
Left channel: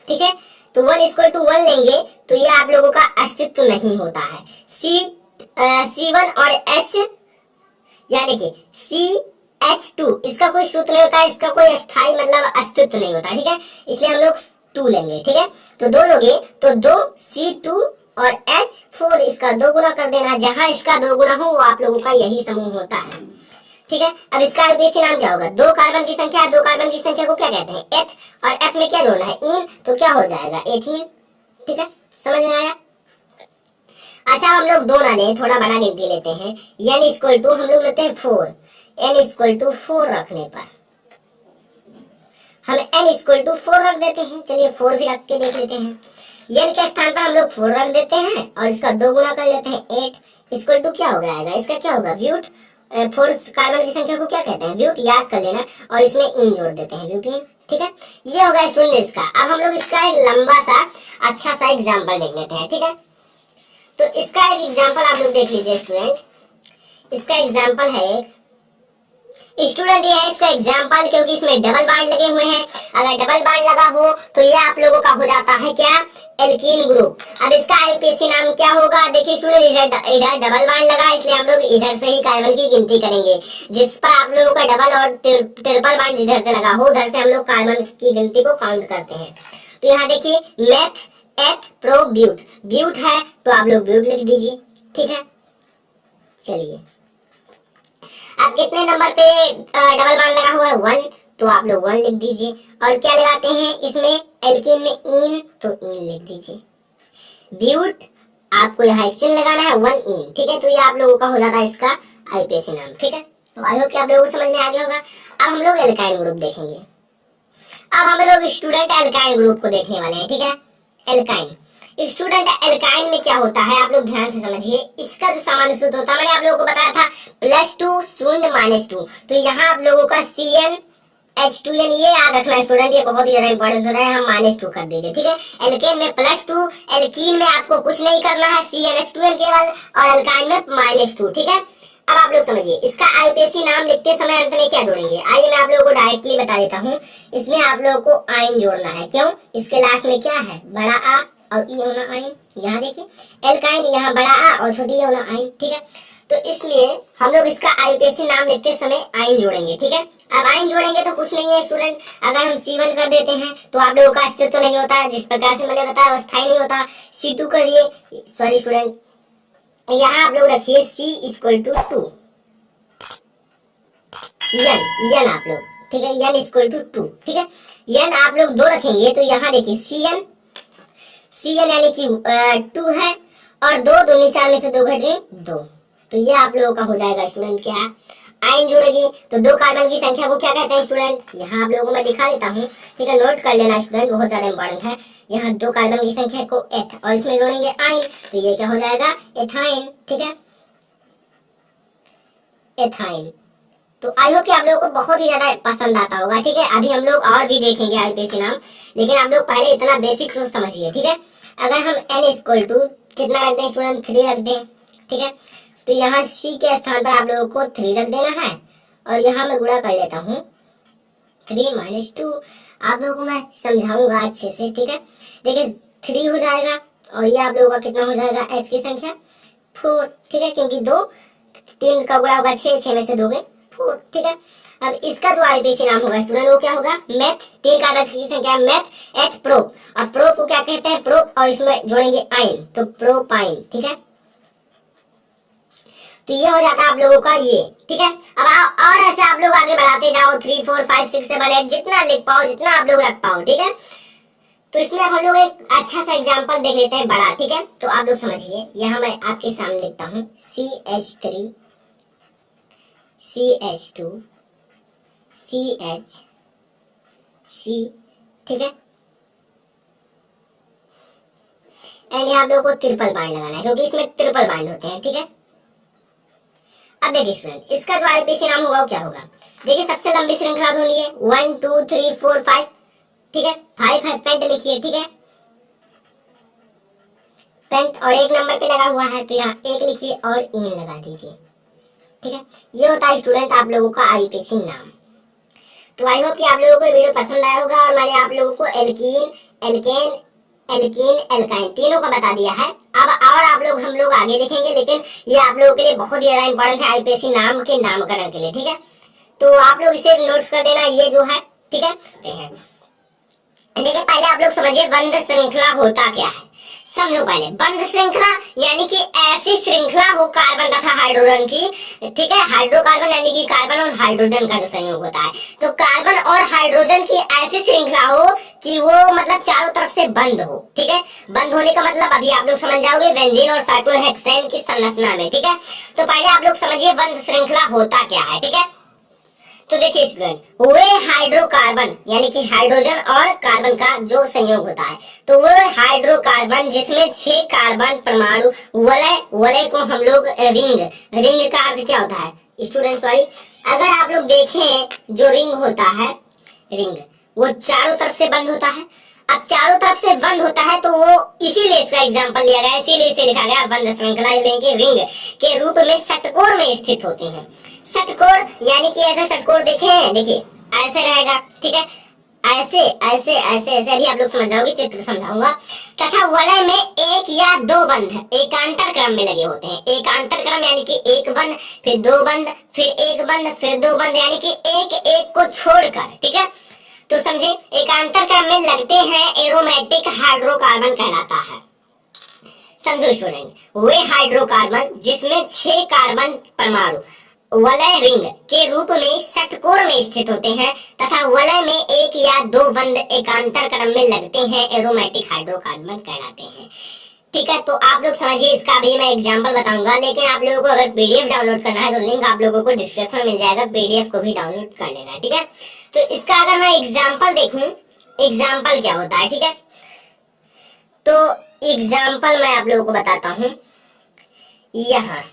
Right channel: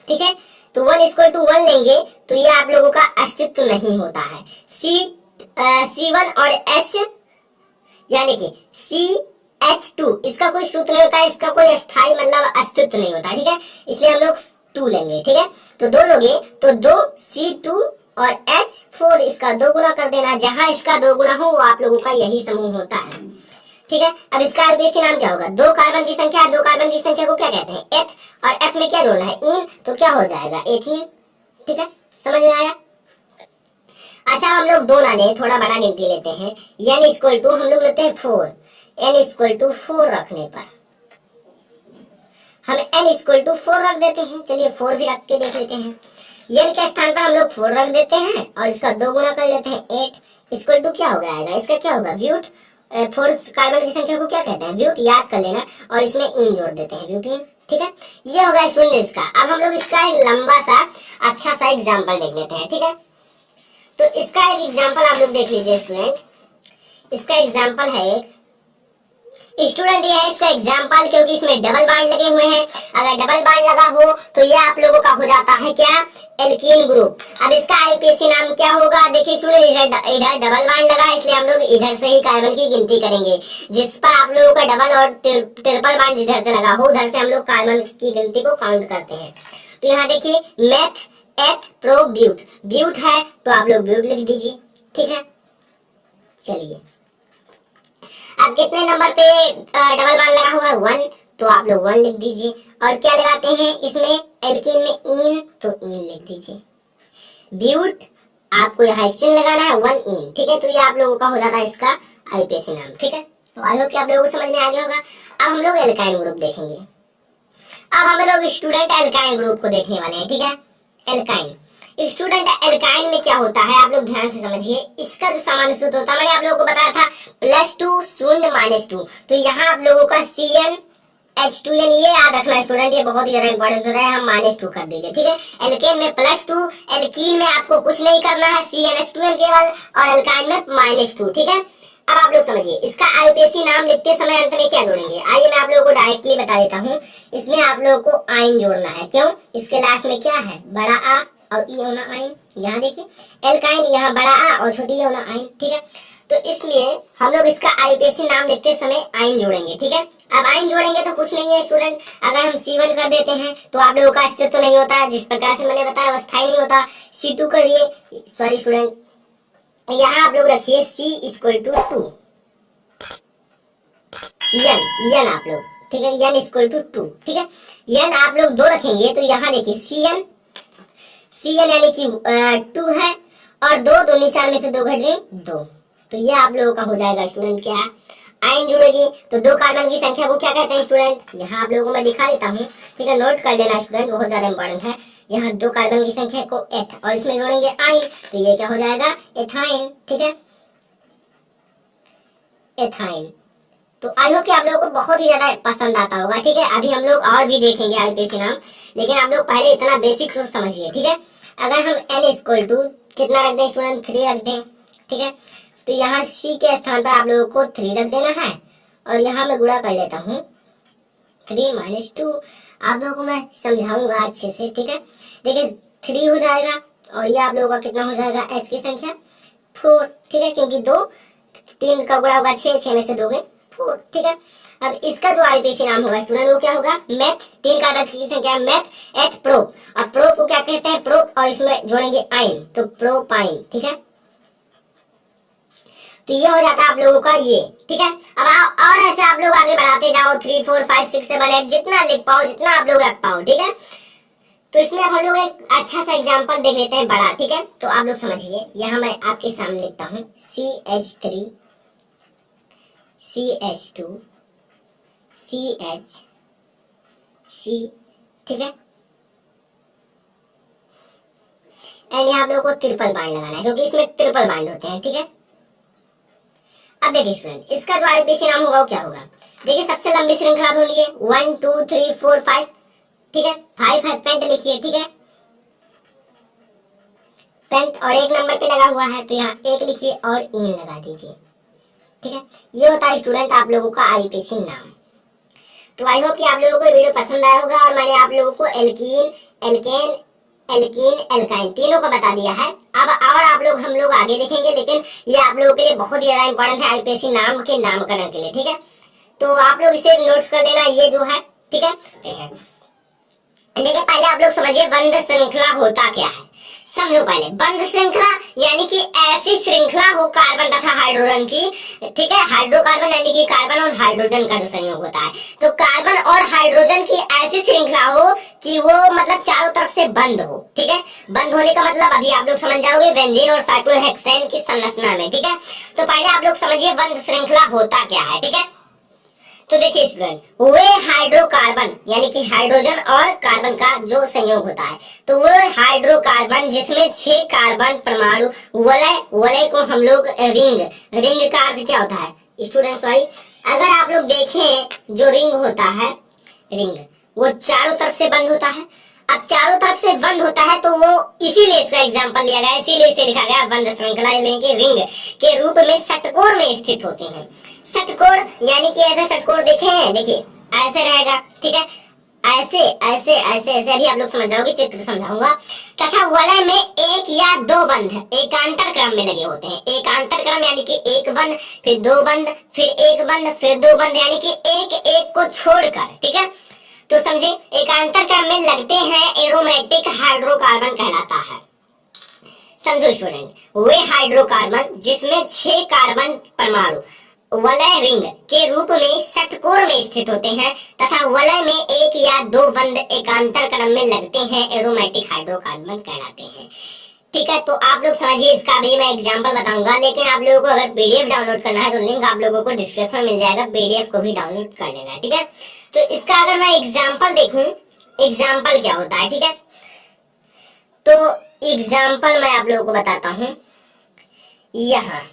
ठीक है, तो 1 = 1 लेंगे तो ये आप लोगों का अस्तित्व नहीं होता है। C1 और H यानी कि CH2 इसका कोई सूत्र नहीं होता है, इसका कोई स्थायी मतलब अस्तित्व नहीं होता। ठीक है, इसलिए हम लोग 2 लेंगे। ठीक है, तो 2 लोगे तो 2 C2 और H4 इसका 2 गुना कर देना, जहां इसका 2 गुना हो वो आप लोगों का यही समूह होता है। ठीक है, अब इसका IUPAC नाम क्या होगा, 2 कार्बन की संख्या, 2 कार्बन की संख्या को क्या कहते हैं, एथ, और एथ में क्या जोड़ना है, इन, तो क्या हो जाएगा, एथीन। ठीक है, समझ में आया। अच्छा, हम लोग 2 ना लें, थोड़ा बड़ा गिनती लेते हैं। n = हम लोग लेते हैं 4, n = 4 रखने पर हम n = 4 रख देते हैं। चलिए 4 भी रख के देख लेते हैं। n के स्थान पर हम लोग 4 रख देते हैं और इसका 2 गुना कर लेते हैं 8 = क्या हो जाएगा, इसका क्या होगा, ब्यूट। 4 कार्बन की संख्या को क्या कहते हैं, ब्यूट, याद कर लेना, और इसमें इन जोड़ देते हैं, ब्यूटीन। ठीक है, ये होगा स्टूडेंट इसका। अब हम लोग इसका एक लंबा सा अच्छा सा एग्जाम्पल देख लेते हैं। ठीक है, तो इसका एक एग्जाम्पल आप लोग देख लीजिए स्टूडेंट। इसका एग्जाम्पल है एक स्टूडेंट, ये है इसका एग्जाम्पल, क्योंकि इसमें डबल बॉन्ड लगे हुए हैं। अगर डबल बॉन्ड लगा हो तो ये आप लोगों का हो जाता है क्या, एल्कीन ग्रुप। अब इसका IUPAC नाम क्या होगा, देखिए स्टूडेंट, इधर डबल बॉन्ड लगा, इसलिए हम लोग इधर से ही कार्बन की गिनती करेंगे। जिस पर आप लोगों का डबल और ट्रिपल बॉन्ड जिधर से लगा हो उधर से हम लोग कार्बन की गिनती को काउंट करते हैं। तो यहाँ देखिए मेथ, एथ, प्रो, ब्यूट, ब्यूट है तो आप लोग ब्यूट लिख दीजिए। ठीक है, चलिए अब कितने नंबर पे डबल बॉन्ड लगा हुआ है, 1, तो आप लोग 1 लिख दीजिए। और क्या लगाते हैं इसमें, एल्कीन में इन, तो इन लिख दीजिए। ब्यूट आपको यहाँ एक चिन्ह लगाना है, 1 इन। ठीक है, तो ये आप लोगों का हो जाता है इसका IUPAC नाम। ठीक है, तो आई होप कि आप लोगों को समझ में आ गया होगा। अब हम लोग एल्काइन ग्रुप देखेंगे। अब हम लोग स्टूडेंट एल्काइन ग्रुप को देखने वाले हैं। ठीक है, एल्काइन स्टूडेंट, एल्काइन में क्या होता है आप लोग ध्यान से समझिए। इसका जो सामान्य सूत्र होता है, मैंने आप लोगों को बताया था +2 0 -2, तो यहाँ आप लोगों का CnH2n, ये याद रखना स्टूडेंट, ये बहुत ही ज्यादा इंपॉर्टेंट होता है, हम -2 कर दीजिए। ठीक है, एल्केन में +2, एल्कीन में आपको कुछ नहीं करना है, CnH2n केवल, और एल्काइन में -2। ठीक है, अब आप लोग समझिए, इसका IUPAC नाम लिखते समय अंत में क्या जोड़ेंगे, आइए मैं आप लोगों को डायरेक्टली बता देता हूँ। इसमें आप लोगों को आइन जोड़ना है। क्यों, इसके लास्ट में क्या है, बड़ा आ और ई होना आइन। यहाँ देखिए एल्काइन, यहाँ बड़ा आ और छोटी ई होना आइन। ठीक है, तो इसलिए हम लोग इसका IUPAC नाम लिखते समय आइन जोड़ेंगे। ठीक है, अब आइन जोड़ेंगे तो कुछ नहीं है स्टूडेंट, अगर हम C1 कर देते हैं तो आप लोगों का अस्तित्व तो नहीं होता है, जिस प्रकार से मैंने बताया वो स्थायी नहीं होता। C2 करिए, सॉरी स्टूडेंट, यहाँ आप लोग रखिए C = 2, n आप लोग, ठीक है, n = 2। ठीक है, n आप लोग 2 रखेंगे तो यहाँ देखिए Cn यानी कि 2 है, और 2 दूनी 4 में से 2 घट गए 2, तो ये आप लोगों का हो जाएगा स्टूडेंट क्या, आयन जुड़ेगी। तो 2 कार्बन की संख्या को क्या कहते हैं स्टूडेंट, यहाँ आप लोगों को मैं दिखा देता हूँ। ठीक है, नोट कर लेना स्टूडेंट, बहुत ज्यादा इंपॉर्टेंट है। यहाँ 2 कार्बन की संख्या को एथ, और इसमें जोड़ेंगे आयन, तो ये क्या हो जाएगा, एथाइन। ठीक है, एथाइन। तो आई होप कि आप लोगों को बहुत ही ज्यादा पसंद आता होगा। ठीक है, अभी हम लोग और भी देखेंगे IUPAC नाम, लेकिन आप लोग पहले इतना बेसिक सोच समझिए। ठीक है, अगर हम n = कितना रख दें स्टूडेंट, 3 रख दें। ठीक है, तो यहाँ C के स्थान पर आप लोगों को 3 रख देना है, और यहाँ मैं गुणा कर लेता हूँ 3 - 2, आप लोगों को मैं समझाऊंगा अच्छे से। ठीक है, देखिए 3 हो जाएगा, और ये आप लोगों का कितना हो जाएगा, H की संख्या 4, ठीक है, क्योंकि 2 3 का गुणा होगा 6, 6 में से 2 गए 4, ठीक है। अब इसका जो आईपीसी नाम होगा स्टूडेंट वो क्या होगा, मैथ, 3 कार्बन की संख्या मैथ एट प्रोप, और प्रोप को क्या कहते हैं, प्रोप, और इसमें जोड़ेंगे आइन, तो प्रोपाइन, ठीक है। तो ये हो जाता है आप लोगों का ये, ठीक है। अब और ऐसे आप लोग आगे बढ़ाते जाओ, 3 4 5 6 7 8 जितना लिख पाओ, जितना आप लोग रख पाओ, ठीक है। तो इसमें अब हम लोग एक अच्छा सा एग्जांपल देख लेते हैं बड़ा, ठीक है। तो आप लोग समझिए, यहाँ मैं आपके सामने लिखता हूँ CH3 CH2 CH C, ठीक है। एंड यहाँ आप लोगों को ट्रिपल बाइंड लगाना है, क्योंकि इसमें ट्रिपल बाइंड होते हैं, ठीक है। अब देखिए स्टूडेंट, इसका जो आईपीसी नाम होगा वो क्या होगा, देखिए सबसे लंबी श्रृंखला ढूंढिए, 1 2 3 4 5, ठीक है। 5 है, पेंट लिखिए, ठीक है, पेंट, और एक नंबर पे लगा हुआ है तो यहाँ 1 लिखिए और इन लगा दीजिए, ठीक है। ये होता है स्टूडेंट आप लोगों का आईपीसी नाम। तो आई होप कि आप लोगों को वीडियो पसंद आया होगा, और मैंने आप लोगों को एल्कीन, एल्केन, एल्कीन, एल्काइन तीनों का बता दिया है। अब और आप लोग हम लोग आगे देखेंगे, लेकिन ये आप लोगों के लिए बहुत ही ज्यादा इंपॉर्टेंट है आईपीसी नाम के नामकरण के लिए, ठीक है। तो आप लोग इसे नोट्स कर लेना, ये जो है, ठीक है। देखिए पहले आप लोग समझिए बंध श्रृंखला होता क्या है, समझो पहले। बंध श्रृंखला यानी कि ऐसी श्रृंखला हो कार्बन तथा हाइड्रोजन की, ठीक है। हाइड्रोकार्बन यानी कि कार्बन और हाइड्रोजन का जो संयोग होता है, तो कार्बन और हाइड्रोजन की ऐसी श्रृंखला हो कि वो मतलब चारों तरफ से बंद हो, ठीक है। बंद होने का मतलब अभी आप लोग समझ जाओगे बेंजीन और साइक्लोहेक्सेन की संरचना में, ठीक है। तो पहले आप लोग समझिए बंध श्रृंखला होता क्या है, ठीक है। तो देखिए स्टूडेंट, वे हाइड्रोकार्बन यानी कि हाइड्रोजन और कार्बन का जो संयोग होता है, तो वो हाइड्रोकार्बन जिसमें 6 कार्बन परमाणु, वलय, वलय को हम लोग रिंग, रिंग का अर्थ क्या होता है स्टूडेंट, सॉरी, अगर आप लोग देखें जो रिंग होता है, रिंग वो चारों तरफ से बंद होता है। अब चारों तरफ से बंद होता है तो वो इसीलिए इसका एग्जांपल लिया गया, इसीलिए इसे लिखा गया बंध श्रृंखला, लेकिन रिंग के रूप में षटकोण में स्थित होते हैं। षटकोण यानी कि ऐसे षटकोण देखे हैं, देखिए ऐसे रहेगा, ठीक है, ऐसे ऐसे ऐसे ऐसे, अभी आप लोग समझ जाओगे, चित्र समझाऊंगा। तथा वलय में 1 या 2 बंध एकांतर क्रम में लगे होते हैं। एकांतर क्रम यानी कि 1 बंध, फिर 2 बंध, फिर 1 बंध, फिर 2 बंध, यानी कि एक एक को छोड़कर, ठीक है। तो समझे, एकांतर क्रम में लगते हैं एरोमेटिक हाइड्रोकार्बन कहलाता है। समझो स्टूडेंट, वे हाइड्रोकार्बन जिसमें 6 कार्बन परमाणु वलय रिंग के रूप में षटकोण में स्थित होते हैं तथा वलय में 1 या 2 बंध एकांतर क्रम में लगते हैं एरोमेटिक हाइड्रोकार्बन कहलाते हैं, ठीक है। तो आप लोग समझिए, इसका भी मैं एग्जांपल बताऊंगा, लेकिन आप लोगों को अगर पीडीएफ डाउनलोड करना है तो लिंक आप लोगों को डिस्क्रिप्शन में मिल जाएगा, पीडीएफ को भी डाउनलोड कर लेना है, ठीक है। तो इसका अगर मैं एग्जांपल देखूं, एग्जांपल क्या होता है, ठीक है। तो एग्जांपल मैं आप लोगों को बताता हूं, यहाँ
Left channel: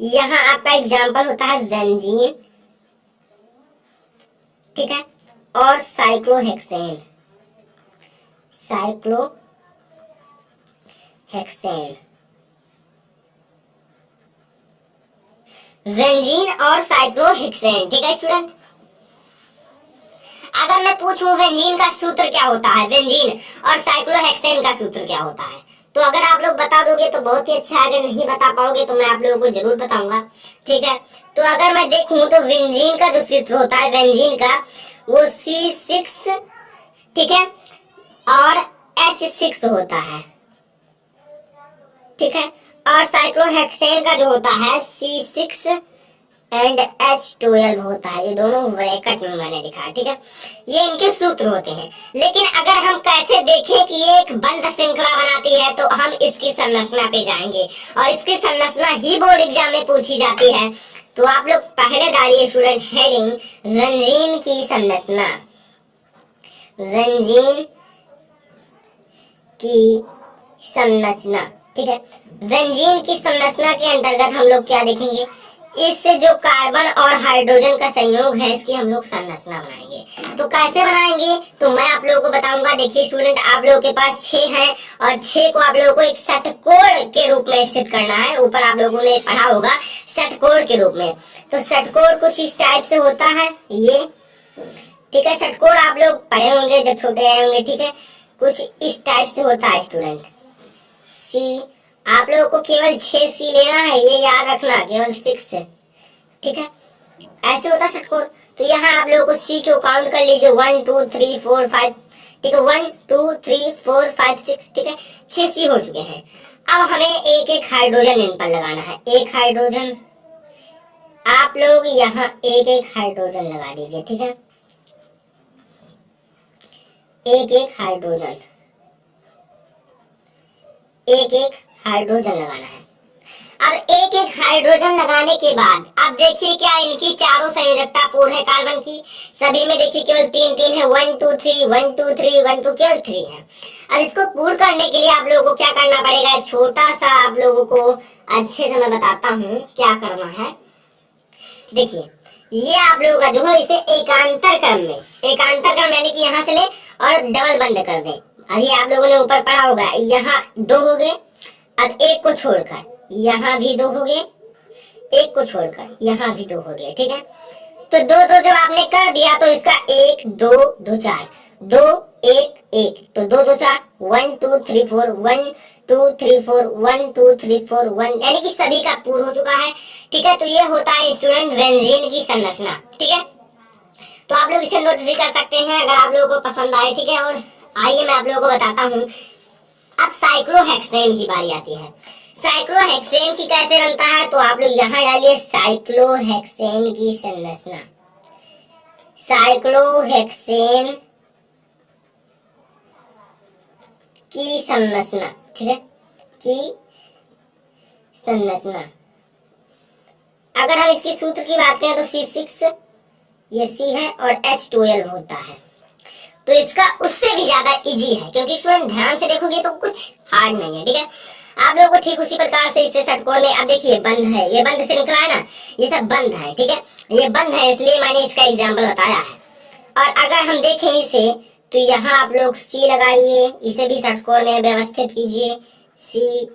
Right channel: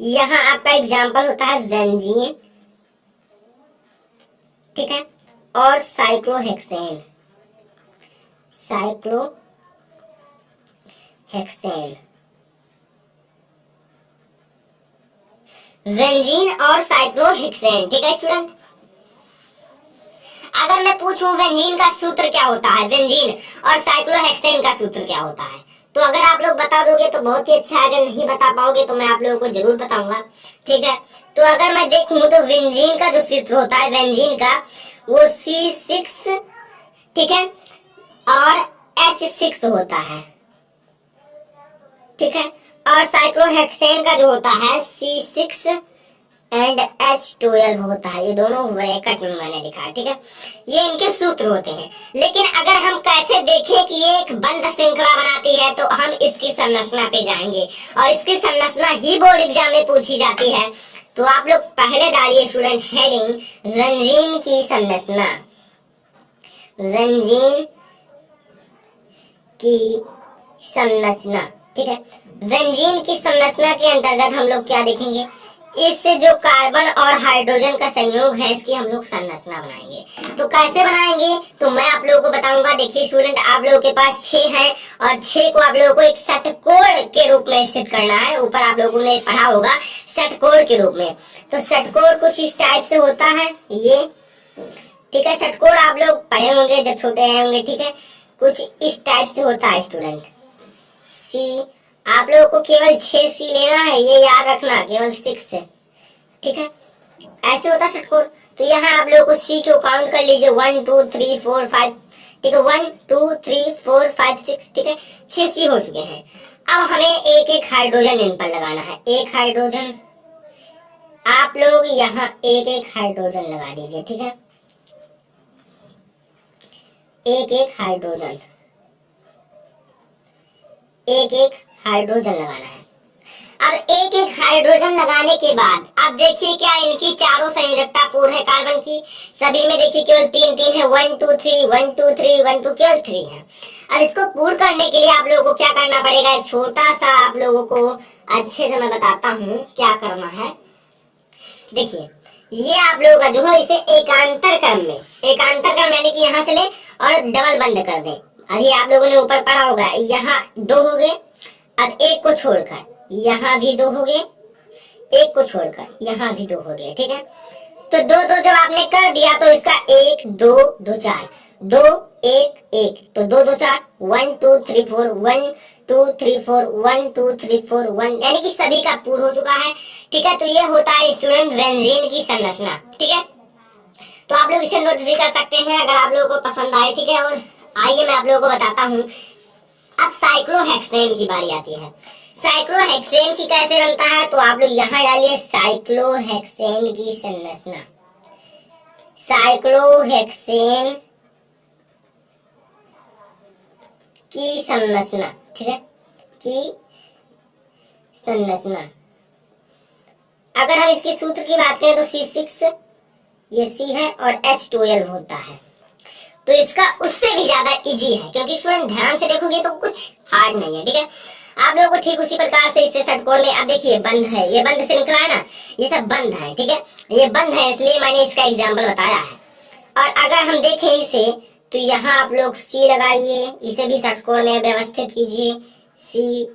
यहाँ आपका एग्जाम्पल होता है बेंजीन, ठीक है, और साइक्लोहेक्सेन, साइक्लोहेक्सेन, बेंजीन और साइक्लोहेक्सेन, ठीक है स्टूडेंट। अगर मैं पूछूं बेंजीन का सूत्र क्या होता है, बेंजीन और साइक्लोहेक्सेन का सूत्र क्या होता है, तो अगर आप लोग बता दोगे तो बहुत ही अच्छा है, अगर नहीं बता पाओगे तो मैं आप लोगों को जरूर बताऊंगा, ठीक है। तो अगर मैं देखूं तो बेंजीन का जो सूत्र होता है, बेंजीन का वो C6, ठीक है, और H6 होता है, ठीक है। और साइक्लोहेक्सेन का जो होता है C6 एंड H12 होता है, ये दोनों ब्रैकेट में मैंने लिखा है, ठीक है। ये इनके सूत्र होते हैं। लेकिन अगर हम कैसे देखें कि ये एक बंध श्रृंखला बनाती है, तो हम इसकी संरचना पे जाएंगे, और इसकी संरचना ही बोर्ड एग्जाम में पूछी जाती है। तो आप लोग पहले डालिए स्टूडेंट हेडिंग, बेंजीन की संरचना, बेंजीन की संरचना, ठीक है। बेंजीन की संरचना के अंतर्गत हम लोग क्या देखेंगे, इससे जो कार्बन और हाइड्रोजन का संयोग है इसकी हम लोग संरचना बनाएंगे। तो कैसे बनाएंगे तो मैं आप लोगों को बताऊंगा। देखिए स्टूडेंट, आप लोगों के पास 6 है और 6 को आप लोगों को एक षटकोण के रूप में स्थित करना है। ऊपर आप लोगों ने पढ़ा होगा षटकोण के रूप में। तो षटकोण कुछ इस टाइप से होता है, ये, ठीक है। षटकोण आप लोग पढ़े होंगे जब छोटे रहे होंगे, ठीक है। कुछ इस टाइप से होता है स्टूडेंट। सी, आप लोगों को केवल 6 सी लेना है, ये याद रखना, केवल 6 से, ठीक है। ऐसे होता है षटकोण। तो यहाँ आप लोगों को सी को काउंट कर लीजिए, 1 2 3 4 5, ठीक है, 1 2 3 4 5 6, ठीक है, 6 सी हो चुके हैं। अब हमें एक एक हाइड्रोजन इन पर लगाना है। एक हाइड्रोजन, आप लोग यहाँ एक एक हाइड्रोजन लगा दीजिए, ठीक है, एक एक हाइड्रोजन, एक एक हाइड्रोजन लगाना है। अब एक एक हाइड्रोजन लगाने के बाद अब देखिए क्या इनकी चारों संयोजकता पूर्ण है कार्बन की, सभी में देखिए केवल 3 3 है, 1 2 3 1 2 3 1 2, केवल 3 है। अब इसको पूर्ण करने के लिए आप लोगों को क्या करना पड़ेगा, छोटा सा आप लोगों को अच्छे से मैं बताता हूँ क्या करना है। देखिए ये आप लोगों का जो है इसे एकांतर क्रम में, एकांतर क्रम यानी कि यहाँ से ले और डबल बंद कर दें। अभी आप लोगों ने ऊपर पढ़ा होगा, यहाँ 2 हो गए, अब एक को छोड़कर यहाँ भी 2 हो गए, एक को छोड़कर यहाँ भी 2 हो गए, ठीक है। तो 2 2 जब आपने कर दिया तो इसका 1 2 2 4 2 1 1, तो 2 2 4 1 2 3 4 1 2 3 4 1 2 3 4 1, यानी कि सभी का पूर्ण हो चुका है, ठीक है। तो ये होता है स्टूडेंट बेंजीन की संरचना, ठीक है। तो आप लोग इसे नोट भी कर सकते हैं अगर आप लोगों को पसंद आए, ठीक है। और आइए मैं आप लोगों को बताता हूँ। अब साइक्लोहेक्सेन की बारी आती है। साइक्लोहेक्सेन की कैसे बनता है, तो आप लोग यहाँ डालिए साइक्लोहेक्सेन की संरचना, साइक्लोहेक्सेन की संरचना, ठीक है, की संरचना। अगर हम इसकी सूत्र की बात करें तो C6 ये C है और H12 होता है। तो इसका उससे भी ज्यादा इजी है, क्योंकि स्टूडेंट ध्यान से देखोगे तो कुछ हार्ड नहीं है, ठीक है। आप लोगों को ठीक उसी प्रकार से इससे षटकोण में, अब देखिए बंद है, ये बंद से निकला है ना, ये सब बंद है, ठीक है, ये बंद है, इसलिए मैंने इसका एग्जाम्पल बताया है। और अगर हम देखें इसे तो यहाँ आप लोग सी लगाइए, इसे भी षटकोण में व्यवस्थित कीजिए, सी।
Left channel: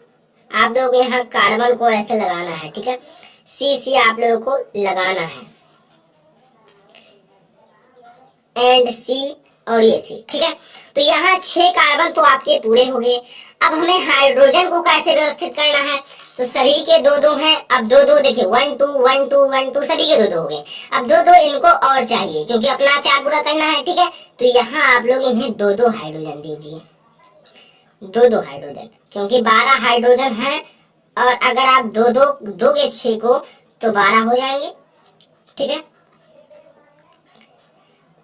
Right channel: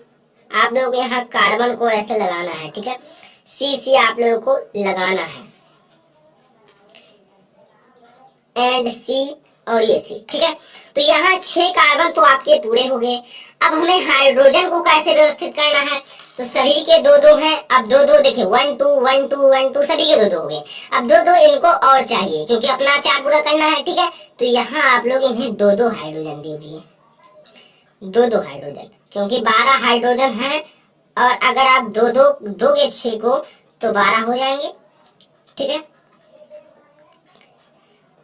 आप लोग यहाँ कार्बन को ऐसे लगाना है, ठीक है, सी सी आप लोगों को लगाना है, एंड सी और ये सी, ठीक है। तो यहाँ 6 कार्बन तो आपके पूरे हो गए। अब हमें हाइड्रोजन को कैसे व्यवस्थित करना है, तो सभी के 2 2 हैं। अब 2 2 देखिए 1 2 1 2 1 2, सभी के 2 2 हो गए। अब 2 2 इनको और चाहिए, क्योंकि अपना 4 पूरा करना है, ठीक है। तो यहाँ आप लोग इन्हें 2 2 हाइड्रोजन दीजिए, 2 2 हाइड्रोजन, क्योंकि 12 हाइड्रोजन है। और अगर आप 2 2 दोगे 6 को तो 12 हो जाएंगे, ठीक है।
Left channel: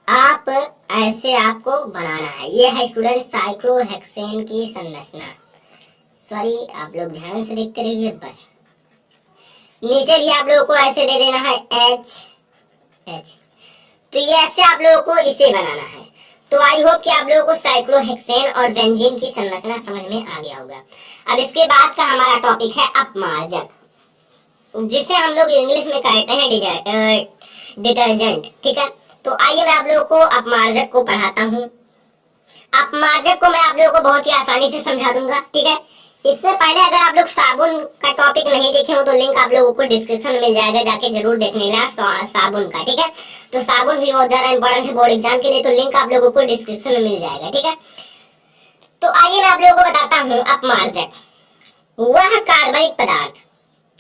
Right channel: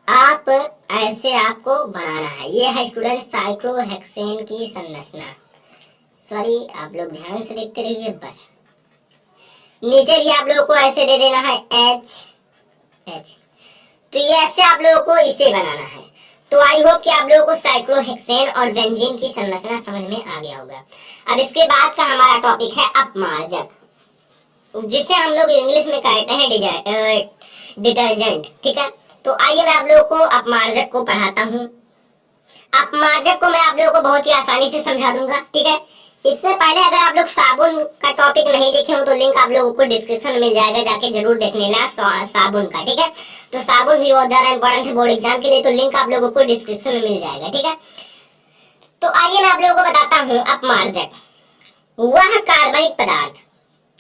आप ऐसे आपको बनाना है। ये है स्टूडेंट साइक्लोहेक्सेन की संरचना। सॉरी, आप लोग ध्यान से देखते रहिए बस। नीचे भी आप लोगों को ऐसे दे देना है H H। तो ये ऐसे आप लोगों को इसे बनाना है। तो आई होप कि आप लोगों को साइक्लोहेक्सेन और बेंजीन की संरचना समझ में आ गया होगा। अब इसके बाद का हमारा टॉपिक है अपमार्जक, जिसे हम लोग इंग्लिश में कहते हैं डिटर्जेंट, ठीक है। तो आइए मैं आप लोगों को अपमार्जक को पढ़ाता हूँ। अपमार्जक को मैं आप लोगों को बहुत ही आसानी से समझा दूंगा, ठीक है। इससे पहले अगर आप लोग साबुन का टॉपिक नहीं देखे हो तो लिंक आप लोगों को डिस्क्रिप्शन में मिल जाएगा, जाके जरूर देख लेना साबुन का, ठीक है। तो साबुन भी बहुत ज्यादा इंपॉर्टेंट है बोर्ड एग्जाम के लिए, तो लिंक आप लोगों को डिस्क्रिप्शन में मिल जाएगा, ठीक है। तो आइए मैं आप लोगों को बताता हूँ अपमार्जक, वह कार्बनिक पदार्थ।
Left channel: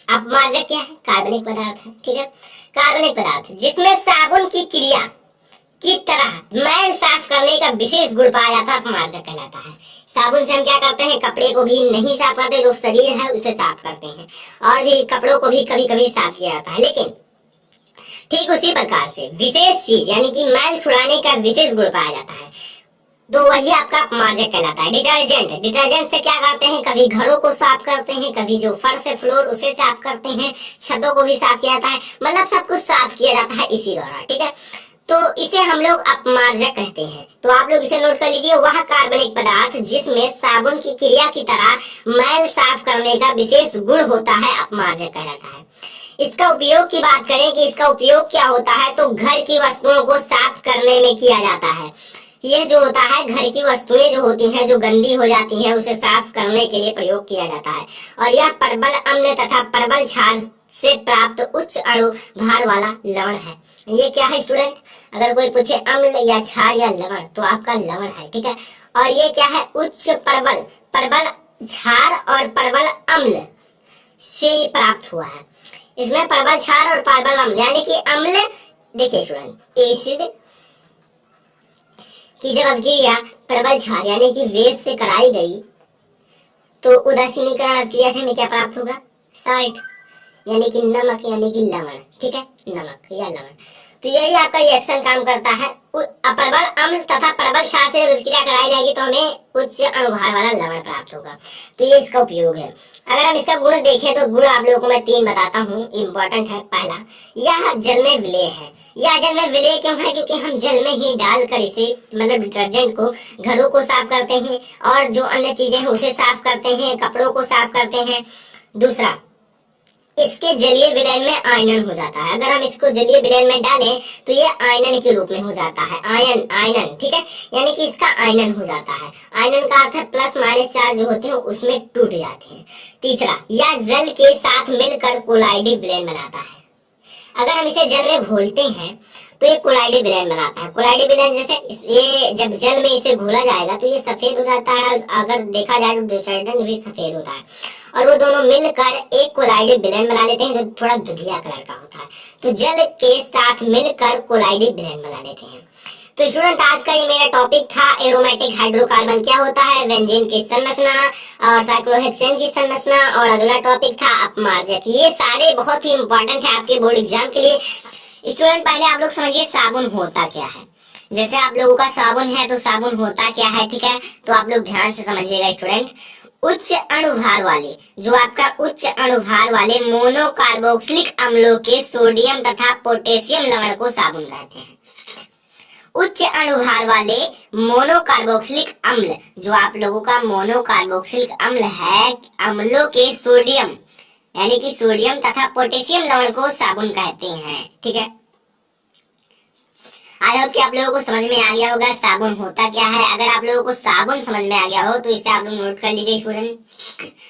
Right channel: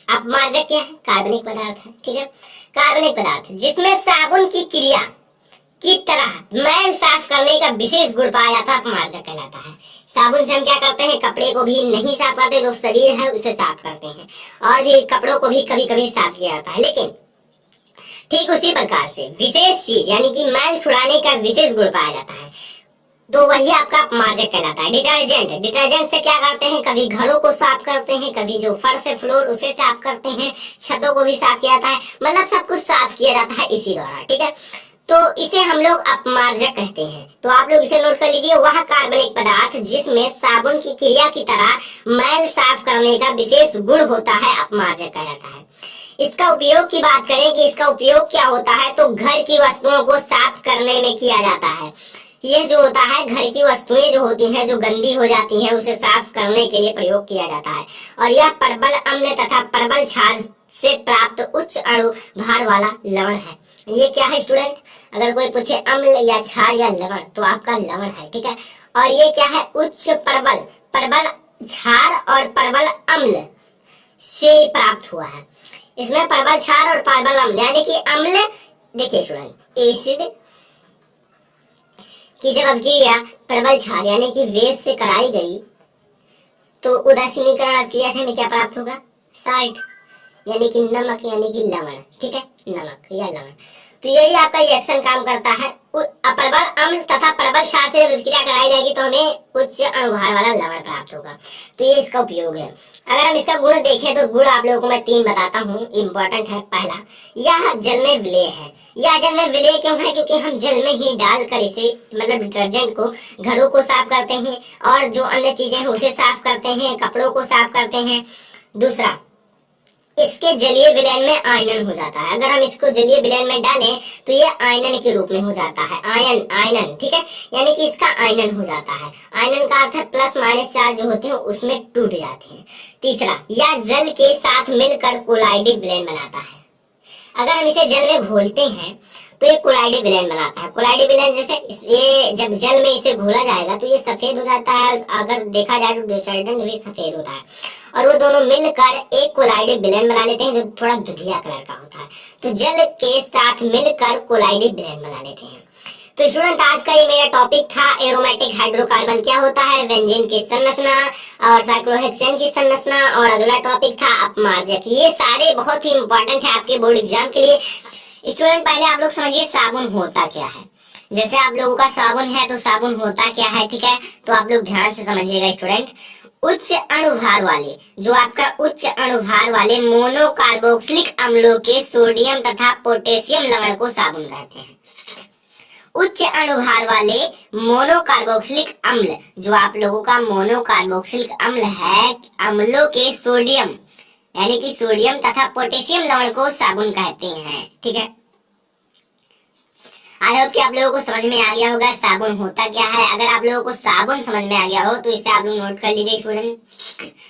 अपमार्जक क्या है, कार्बनिक पदार्थ है, ठीक है। कार्बनिक पदार्थ जिसमें साबुन की क्रिया की तरह मैल साफ करने का विशेष गुण पाया जाता है, अपमार्जक कहलाता है। साबुन से हम क्या करते हैं, कपड़े को भी नहीं साफ करते, जो शरीर है उसे साफ करते हैं, और भी कपड़ों को भी कभी कभी साफ किया जाता है। लेकिन ठीक उसी प्रकार से विशेष चीज यानी कि मैल छुड़ाने का विशेष गुण पाया जाता है, तो वही आपका अपमार्जक कहलाता है। डिटर्जेंट, डिटर्जेंट से क्या करते हैं, कभी घरों को साफ करते हैं, कभी जो फर्श है फ्लोर उसे साफ करते हैं, छतों को भी साफ किया जाता है, मतलब सब कुछ साफ किया जाता है इसी द्वारा, ठीक है। तो इसे हम लोग अपमार्जक कहते हैं। तो आप लोग इसे नोट कर लीजिए, वह कार्बनिक पदार्थ जिसमें साबुन की क्रिया की तरह मैल साफ करने का विशेष गुण होता है, अपमार्जक कहलाता है। इसका उपयोग की बात करें कि इसका उपयोग क्या होता है, तो घर की वस्तुओं को साफ करने में किया जाता है। यह जो होता है घर की वस्तुएं जो होती हैं, जो गंदी हो जाती हैं, उसे साफ करने के लिए प्रयोग किया जाता है। और यह प्रबल अम्ल तथा प्रबल क्षार से प्राप्त उच्च अणु भार वाला लवण है। ये क्या है स्टूडेंट, अगर कोई पूछे अम्ल या क्षार या लवण, तो आपका लवण है, ठीक है। और ये क्या है, उच्च प्रबल प्रबल क्षार और प्रबल अम्ल से प्राप्त हुआ है। इसमें प्रबल क्षार और प्रबल अम्ल यानी कि अम्ल, देखिए स्टूडेंट, एसिड की जब अभिक्रिया प्रबल क्षार यानी कि वेद से कराई गई तो उदासीनीकरण अभिक्रिया से हमें क्या प्राप्त होगा, साल्ट यानी कि नमक यानी कि लवण, ठीक है, नमक या लवण। तो यही आपका रिएक्शन काम करता है। प्रबल अम्ल तथा प्रबल क्षार से जब अभिक्रिया कराई जाएगी तो हमें उच्च अणुभार वाला लवण प्राप्त होगा। तो ये इसका उपयोग है। अगर हम इसका गुण देखें तो गुण आप लोगों को मैं 3 बताता हूँ, इंपॉर्टेंट है। पहला, यह जल में विलेय है। यह जल में विलेय क्यों है, क्योंकि हम जल में ही डालकर इसे मतलब डिटर्जेंट को घरों को साफ करते हैं और जो अन्य चीजें हैं उसे साफ करते हैं, कपड़ों को साफ करते हैं। दूसरा, इसके जलीय विलयन में आयनन हो जाता है। अगर हम इसको जलीय विलयन में डालें तो ये आयनन के रूप में हो जाता है, आयनन, ठीक है, यानी कि इसका आयनन हो जाता है। आयनन का अर्थ है प्लस माइनस चार्ज जो होते हैं उसमें टूट जाते हैं। तीसरा, यह जल के साथ मिलकर कोलाइडिक विलयन बनाता है। अगर हम इसे जल में घोलते हैं तो ये कोलाइडिक विलयन बनाता है। कोलाइडिक विलयन जैसे ये जब जल में इसे घोला जाएगा तो ये सफेद हो जाता है, अगर देखा जाए तो डिटर्जेंट भी सफेद होता है, और वो दोनों मिलकर एक कोलाइडिक विलयन बना लेते हैं जो थोड़ा दुधिया कलर का होता है। तो जल के साथ मिलकर कोलाइडिक विलयन बना लेते हैं। तो स्टूडेंट, आज का ये मेरा टॉपिक था एरोमेटिक हाइड्रोकार्बन क्या होता है, बेंजीन की संरचना और साइक्लोहेक्सेन की संरचना, और अगला टॉपिक था अपमार्जक। ये सारे बहुत ही इंपॉर्टेंट है आपके बोर्ड एग्जाम के लिए। स्टूडेंट, पहले आप लोग समझिए साबुन होता क्या है। जैसे आप लोगों का साबुन है तो साबुन होता क्या है, ठीक है, तो आप लोग ध्यान से समझिएगा स्टूडेंट। उच्च अणुभार वाले, जो आपका उच्च अणुभार वाले मोनोकार्बोक्सिलिक अम्लों के सोडियम तथा पोटेशियम लवण को साबुन कहते हैं। उच्च अणुभार वाले मोनोकार्बोक्सिलिक अम्ल, जो आप लोगों का मोनोकार्बोक्सिलिक अम्ल है, अम्लों के सोडियम यानी कि सोडियम तथा पोटेशियम लवण को साबुन कहते हैं, ठीक है। आई होप कि आप लोगों को समझ में आ गया होगा साबुन होता क्या है। अगर आप लोगों को साबुन समझ में आ गया हो तो इसे आप लोग नोट कर लीजिए स्टूडेंट।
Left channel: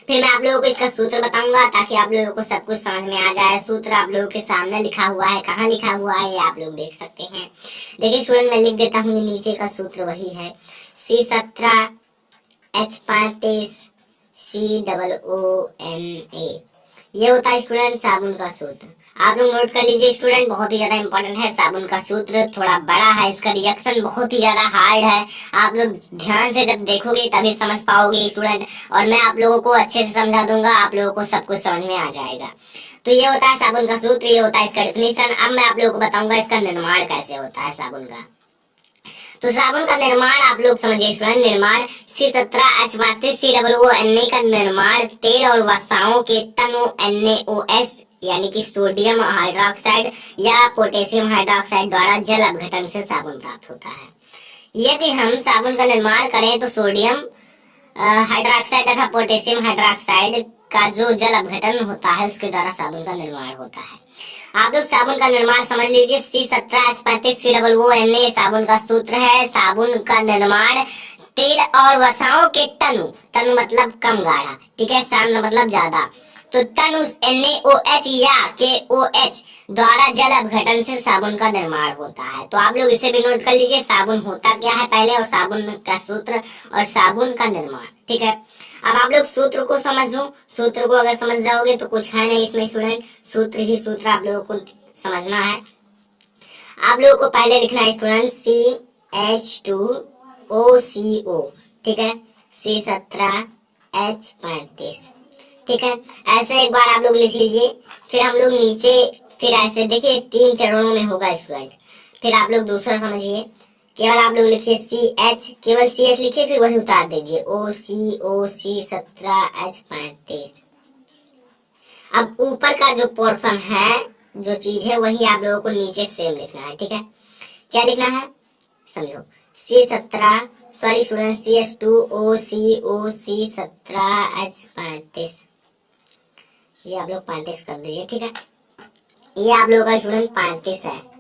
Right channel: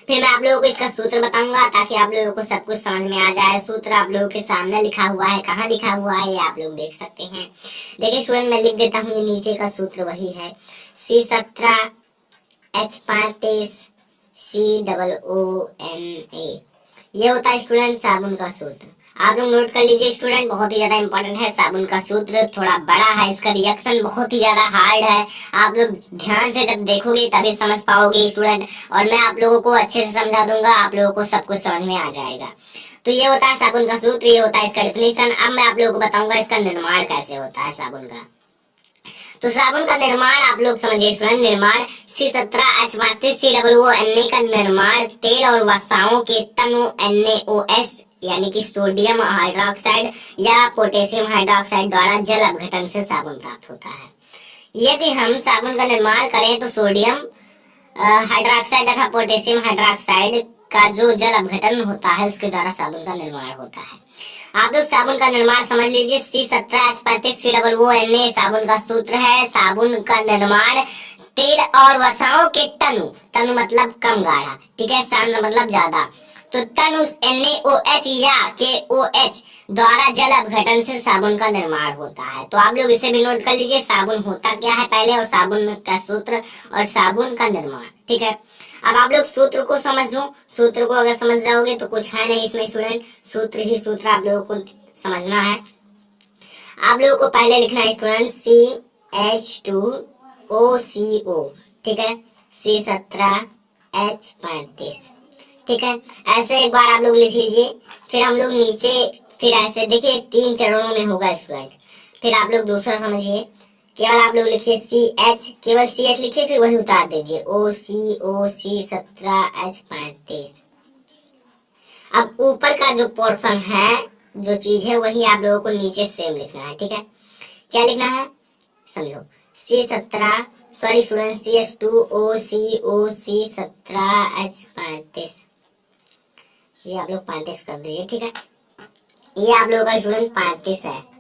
फिर मैं आप लोगों को इसका सूत्र बताऊंगा ताकि आप लोगों को सब कुछ समझ में आ जाए। सूत्र आप लोगों के सामने लिखा हुआ है, कहाँ लिखा हुआ है ये आप लोग देख सकते हैं। देखिए स्टूडेंट, मैं लिख देता हूँ, ये नीचे का सूत्र वही है, C17H35 COONA। ये होता है स्टूडेंट साबुन का सूत्र। आप लोग नोट कर लीजिए स्टूडेंट, बहुत ही ज्यादा इंपॉर्टेंट है साबुन का सूत्र। थोड़ा बड़ा है, इसका रिएक्शन बहुत ही ज्यादा हार्ड है। आप लोग ध्यान से जब देखोगे तभी समझ पाओगे स्टूडेंट, और मैं आप लोगों को अच्छे से समझा दूंगा, आप लोगों को सब कुछ समझ में आ जाएगा। तो ये होता है साबुन का सूत्र, ये होता है इसका डेफिनेशन। अब मैं आप लोगों को बताऊंगा इसका निर्माण कैसे होता है साबुन का। तो साबुन का निर्माण आप लोग समझिए स्टूडेंट। निर्माण C17H35 COONA का निर्माण तेल और वसाओं के तनु NaOH यानी कि सोडियम हाइड्रोक्साइड या पोटेशियम हाइड्रोक्साइड द्वारा जल अपघटन से साबुन प्राप्त होता है। यदि हम साबुन का निर्माण करें तो सोडियम हाइड्रोक्साइड तथा पोटेशियम हाइड्रोक्साइड का जो जल अपघटन होता है उसके द्वारा साबुन का निर्माण होता है। आप लोग साबुन का निर्माण समझ लीजिए। C17H35 COONA साबुन का सूत्र है। साबुन का निर्माण तेल और वसाओं के तनु मतलब कम गाढ़ा, ठीक है, सांद्र मतलब ज्यादा, तो तनु NaOH या KOH द्वारा जल अपघटन से साबुन का निर्माण होता है। तो आप लोग इसे भी नोट कर लीजिए, साबुन होता क्या है पहले, और साबुन का सूत्र और साबुन का निर्माण, ठीक है। अब आप लोग सूत्र को समझो। सूत्र को अगर समझ जाओगे तो कुछ है नहीं इसमें स्टूडेंट, सूत्र ही सूत्र आप लोगों को समझना है। आप लोगों को पहले लिखना है स्टूडेंट CH2OCO, ठीक है, C17H35, ठीक है। ऐसे एक बार आप लोग लिख लीजिए। फिर हम लोग नीचे फिर ऐसे देखिए 3 चरणों में होगा स्टूडेंट। फिर आप लोग दूसरा समझिए, केवल आप लोग लिखिए CH, केवल CH लिखिए, फिर वही उतार दीजिए OCO C17H35। अब ऊपर का जो पोर्शन है, जो चीज है, वही आप लोगों को नीचे सेम लिखना है, ठीक है। क्या लिखना है समझो, CH2OCO C17H35, ये आप लोग 35 कर दीजिए, ठीक है। ये आप लोगों का स्टूडेंट 35 है।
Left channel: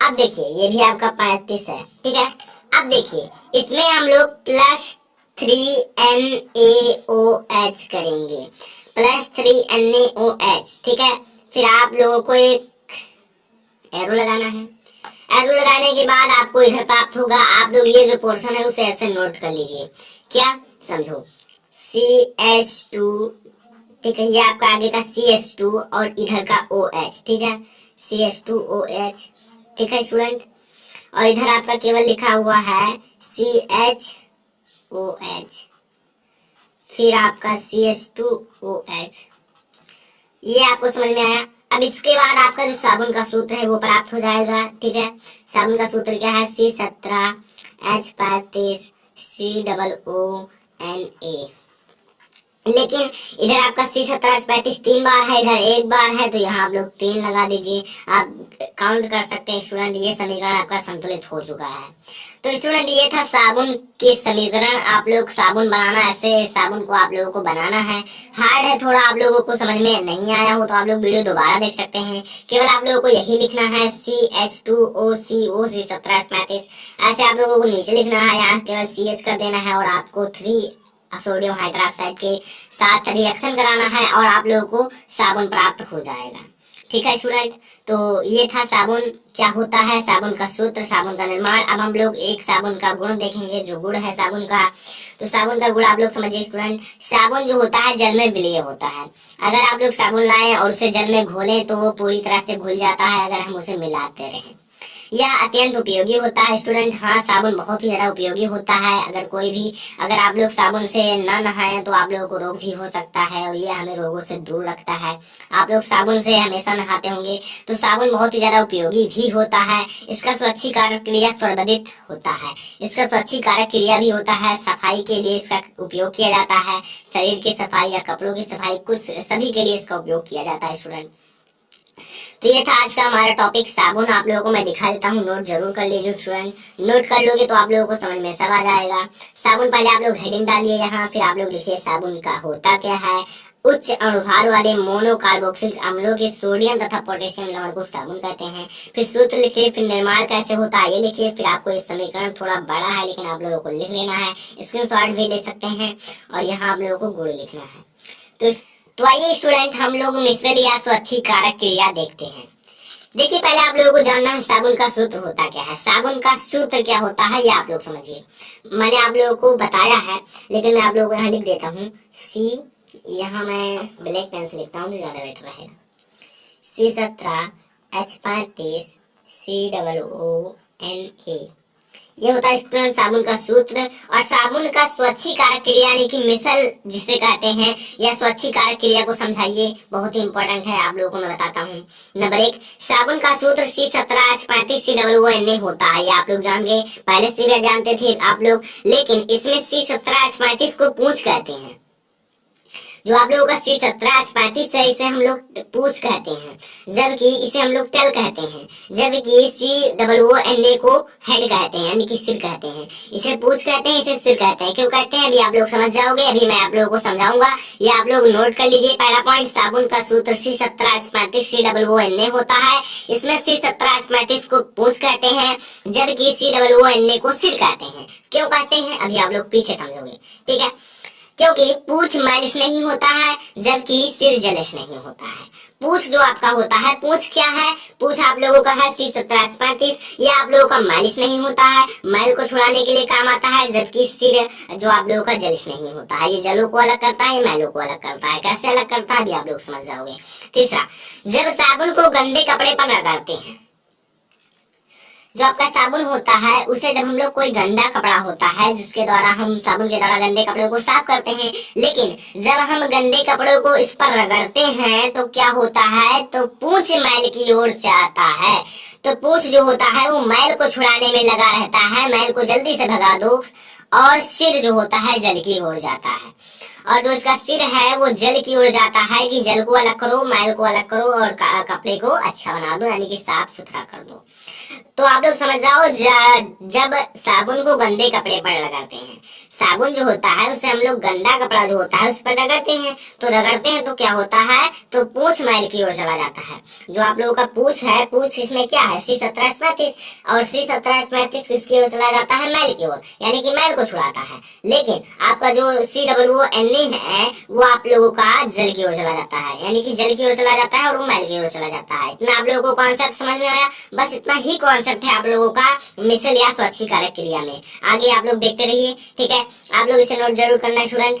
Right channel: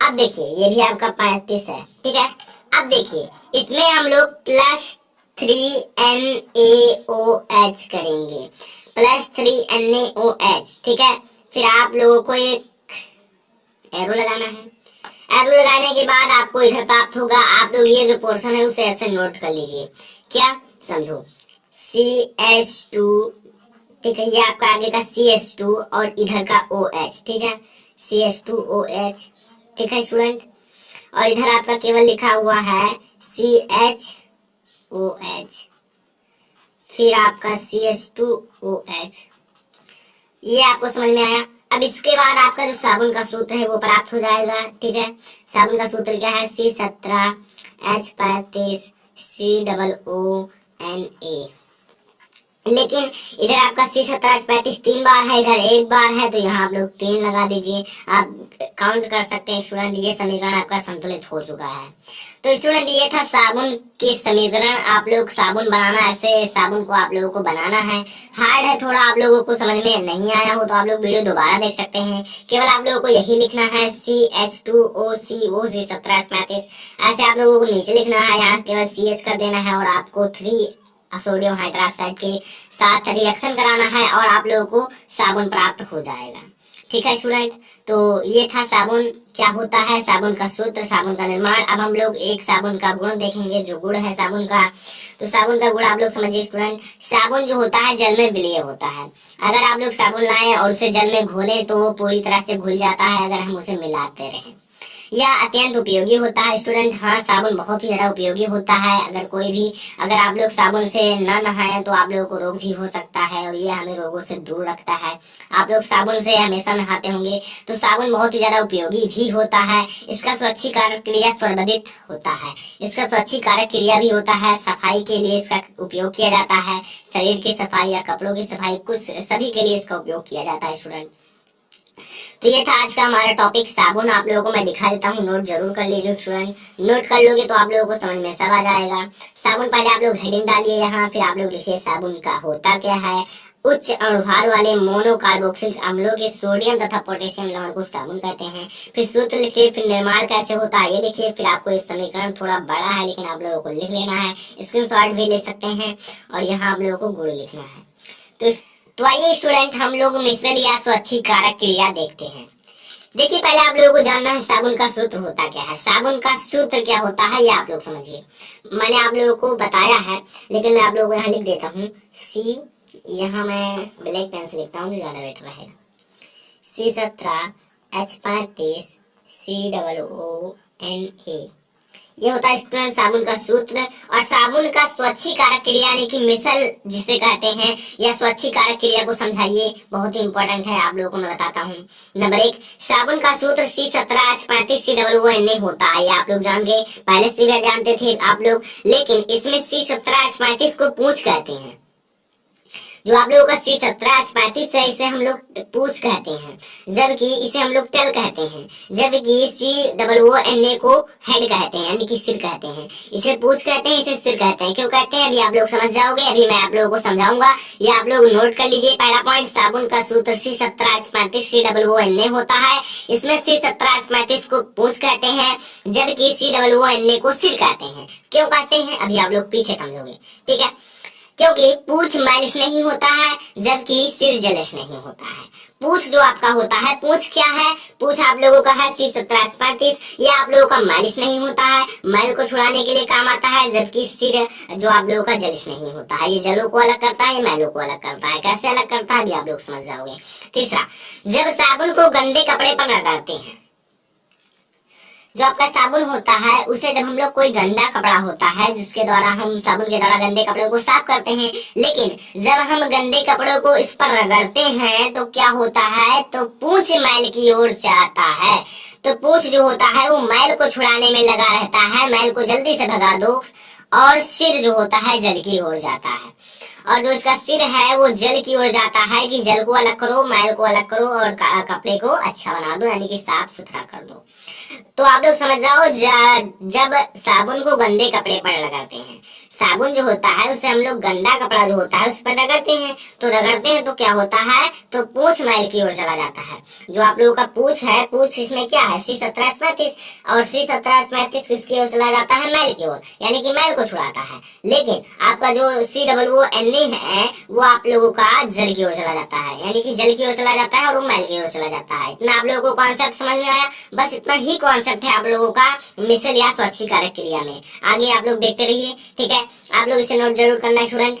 अब देखिए ये भी आपका 35 है, ठीक है। अब देखिए इसमें हम लोग +3NaOH करेंगे, +3NaOH, ठीक है। फिर आप लोगों को एक एरो लगाना है। एरो लगाने के बाद आपको इधर प्राप्त होगा। आप लोग ये जो पोर्शन है उसे ऐसे नोट कर लीजिए। क्या समझो, CH2, ठीक है, ये आपका आगे का CH2 और इधर का OH, ठीक है, CH2OH, ठीक है स्टूडेंट। और इधर आपका केवल लिखा हुआ है CHOH, फिर आपका CH2OH। ये आपको समझ में आया। अब इसके बाद आपका जो साबुन का सूत्र है वो प्राप्त हो जाएगा, ठीक है। साबुन का सूत्र क्या है, C17H35COONA। लेकिन इधर आपका C17H35 3 बार है, इधर 1 बार है, तो यहाँ आप लोग 3 लगा दीजिए। आप काउंट कर सकते हैं स्टूडेंट। ये समीकरण आपका संतुलित हो चुका है। तो स्टूडेंट ये था साबुन के समीकरण। आप लोग साबुन बनाना, ऐसे साबुन को आप लोगों को बनाना है। हार्ड है थोड़ा, आप लोगों को समझ में नहीं आया हो तो आप लोग वीडियो दोबारा देख सकते हैं। केवल आप लोगों को यही लिखना है CH2OCO C17H35। ऐसे आप लोगों को नीचे लिखना है, यहाँ केवल CH कर देना है और आपको 3 सोडियम हाइड्रोक्साइड के साथ रिएक्शन कराना है और आप लोगों को साबुन प्राप्त हो जाएगा, ठीक है स्टूडेंट। तो ये था साबुन क्या होता है, साबुन का सूत्र, साबुन का निर्माण। अब हम लोग एक साबुन का गुण देखेंगे, जो गुण है साबुन का। तो साबुन का गुण आप लोग समझिए स्टूडेंट। साबुन जो होता है जल में विलीय होता है। अगर आप लोग साबुन लाएं और उसे जल में घोलें तो वो पूरी तरह से घुल जाता है अगर हम उसे मिलाते रहें। यह अत्यंत उपयोगी होता है स्टूडेंट। हाँ, साबुन बहुत ही ज्यादा उपयोगी होता है। अगर आप लोग साबुन से न नहाएं तो आप लोगों को रोग भी हो सकता है और ये हमें रोगों से दूर रखता है। आप लोग साबुन से हमेशा नहाते होंगे, तो साबुन बहुत ही ज्यादा उपयोगी भी होता है। इसका स्वच्छीकारक क्रिया सर्वविदित होता है। इसका स्वच्छीकारक क्रिया भी होता है। सफाई के लिए इसका उपयोग किया जाता है। शरीर की सफाई या कपड़ों की सफाई, कुछ सभी के लिए इसका उपयोग किया जाता है स्टूडेंट। तो ये था आज का हमारा टॉपिक साबुन। आप लोगों को मैं दिखा देता हूँ, नोट जरूर कर लीजिए स्टूडेंट। नोट कर लोगे तो आप लोगों को समझ में सब आ जाएगा। साबुन, पहले आप लोग हेडिंग डालिए यहाँ, फिर आप लोग लिखिए साबुन का होता क्या है। उच्च अणुभार वाले मोनोकार्बोक्सिलिक अम्लों के सोडियम तथा पोटेशियम लवण को साबुन कहते हैं। फिर सूत्र लिखिए, फिर निर्माण कैसे होता है ये लिखिए। फिर आपको इस समीकरण थोड़ा बड़ा है लेकिन आप लोगों को लिख लेना है, स्क्रीनशॉट भी ले सकते हैं और यहाँ आप लोगों को गुण लिखना है। तो आइए स्टूडेंट, हम लोग मिश्रण या स्वच्छीकारक क्रिया देखते हैं। देखिए, पहले आप लोगों को जानना है साबुन का सूत्र होता क्या है। साबुन का सूत्र क्या होता है ये आप लोग समझिए। मैंने आप लोगों को बताया है लेकिन मैं आप लोगों को यहाँ लिख देता हूँ। यहाँ मैं ब्लैक पेन से लिखता हूँ तो ज्यादा बेटर रहेगा। C17H35 COONA, ये होता है स्टूडेंट साबुन का सूत्र। और साबुन का स्वच्छीकारक क्रिया यानी कि मिसल जिसे कहते हैं, या स्वच्छीकारक क्रिया को समझाइए, बहुत ही इंपॉर्टेंट है, आप लोगों को मैं बताता हूँ। नंबर 1, साबुन का सूत्र C17H35 COONA होता है। ये आप लोग जान गए, पहले से भी जानते थे आप लोग, लेकिन इसमें C17H35 को पूंछ कहते हैं। जो आप लोगों का C17H35 है इसे हम लोग पूंछ कहते हैं, जबकि इसे हम लोग टेल कहते हैं। जबकि COONA को हेड कहते हैं यानी कि सिर कहते हैं। इसे पूंछ कहते हैं, इसे सिर कहते हैं। क्यों कहते हैं अभी आप लोग समझ जाओगे, अभी मैं आप लोगों को समझाऊंगा। ये आप लोग नोट कर लीजिए। पहला पॉइंट, साबुन का सूत्र C17H35 COONA होता है। इसमें C17H35 को पूंछ कहते हैं, जबकि COONA को सिर कहते हैं। क्यों कहते हैं अभी आप लोग पीछे समझोगे, ठीक है। क्योंकि पूंछ मैलिस नहीं होता है, जबकि सिर जलस नहीं होता है। पूंछ जो आपका होता है, पूंछ क्या है, पूंछ आप लोगों का है C17H35, ये आप लोगों का मैलिस नहीं होता है, मैल को छुड़ाने के लिए काम आता है। जबकि सिर जो आप लोगों का जलिस नहीं होता है, ये जलों को अलग करता है, ये मैलों को अलग करता है। कैसे अलग करता है अभी आप लोग समझ जाओगे। तीसरा, जब साबुन को गंदे कपड़े पर रगड़ते हैं, जो आपका साबुन होता है उसे जब हम लोग कोई गंदा कपड़ा होता है जिसके द्वारा हम साबुन के द्वारा गंदे कपड़ों को साफ करते हैं, लेकिन जब हम गंदे कपड़ों को इस पर रगड़ते हैं तो क्या होता है, तो पूंछ मैल की ओर जाता है। तो पूंछ जो होता है वो मैल को छुड़ाने में लगा रहता है, मैल को जल्दी से भगा दो। और सिर जो होता है जल की ओर जाता है, और जो इसका सिर है वो जल की ओर जाता है कि जल को अलग करो, मैल को अलग करो और कपड़े को अच्छा बना दो, यानी कि साफ सुथरा कर दो। तो आप लोग समझ जाओ, जब साबुन को गंदे कपड़े पर लगाते हैं, साबुन जो होता है उससे हम लोग गंदा कपड़ा जो होता है उस पर रगड़ते हैं, तो रगड़ते हैं तो क्या होता है, तो पूंछ मैल की ओर चला जाता है। जो आप लोगों का पूंछ है, पूंछ इसमें क्या है, C17H35, और C17H35 किसकी ओर चला जाता है, मैल की ओर, यानी कि मैल को छुड़ाता है। लेकिन आपका जो COONA है वो आप लोगों का जल की ओर चला जाता है, यानी कि जल की ओर चला जाता है और वो मैल की ओर चला जाता है। इतना आप लोगों को कॉन्सेप्ट समझ में आया? बस इतना ही कॉन्सेप्ट है आप लोगों का मिसल या स्वच्छीकारक क्रिया में। आगे आप लोग देखते रहिए, ठीक है। आप लोग इसे नोट जरूर करना है स्टूडेंट।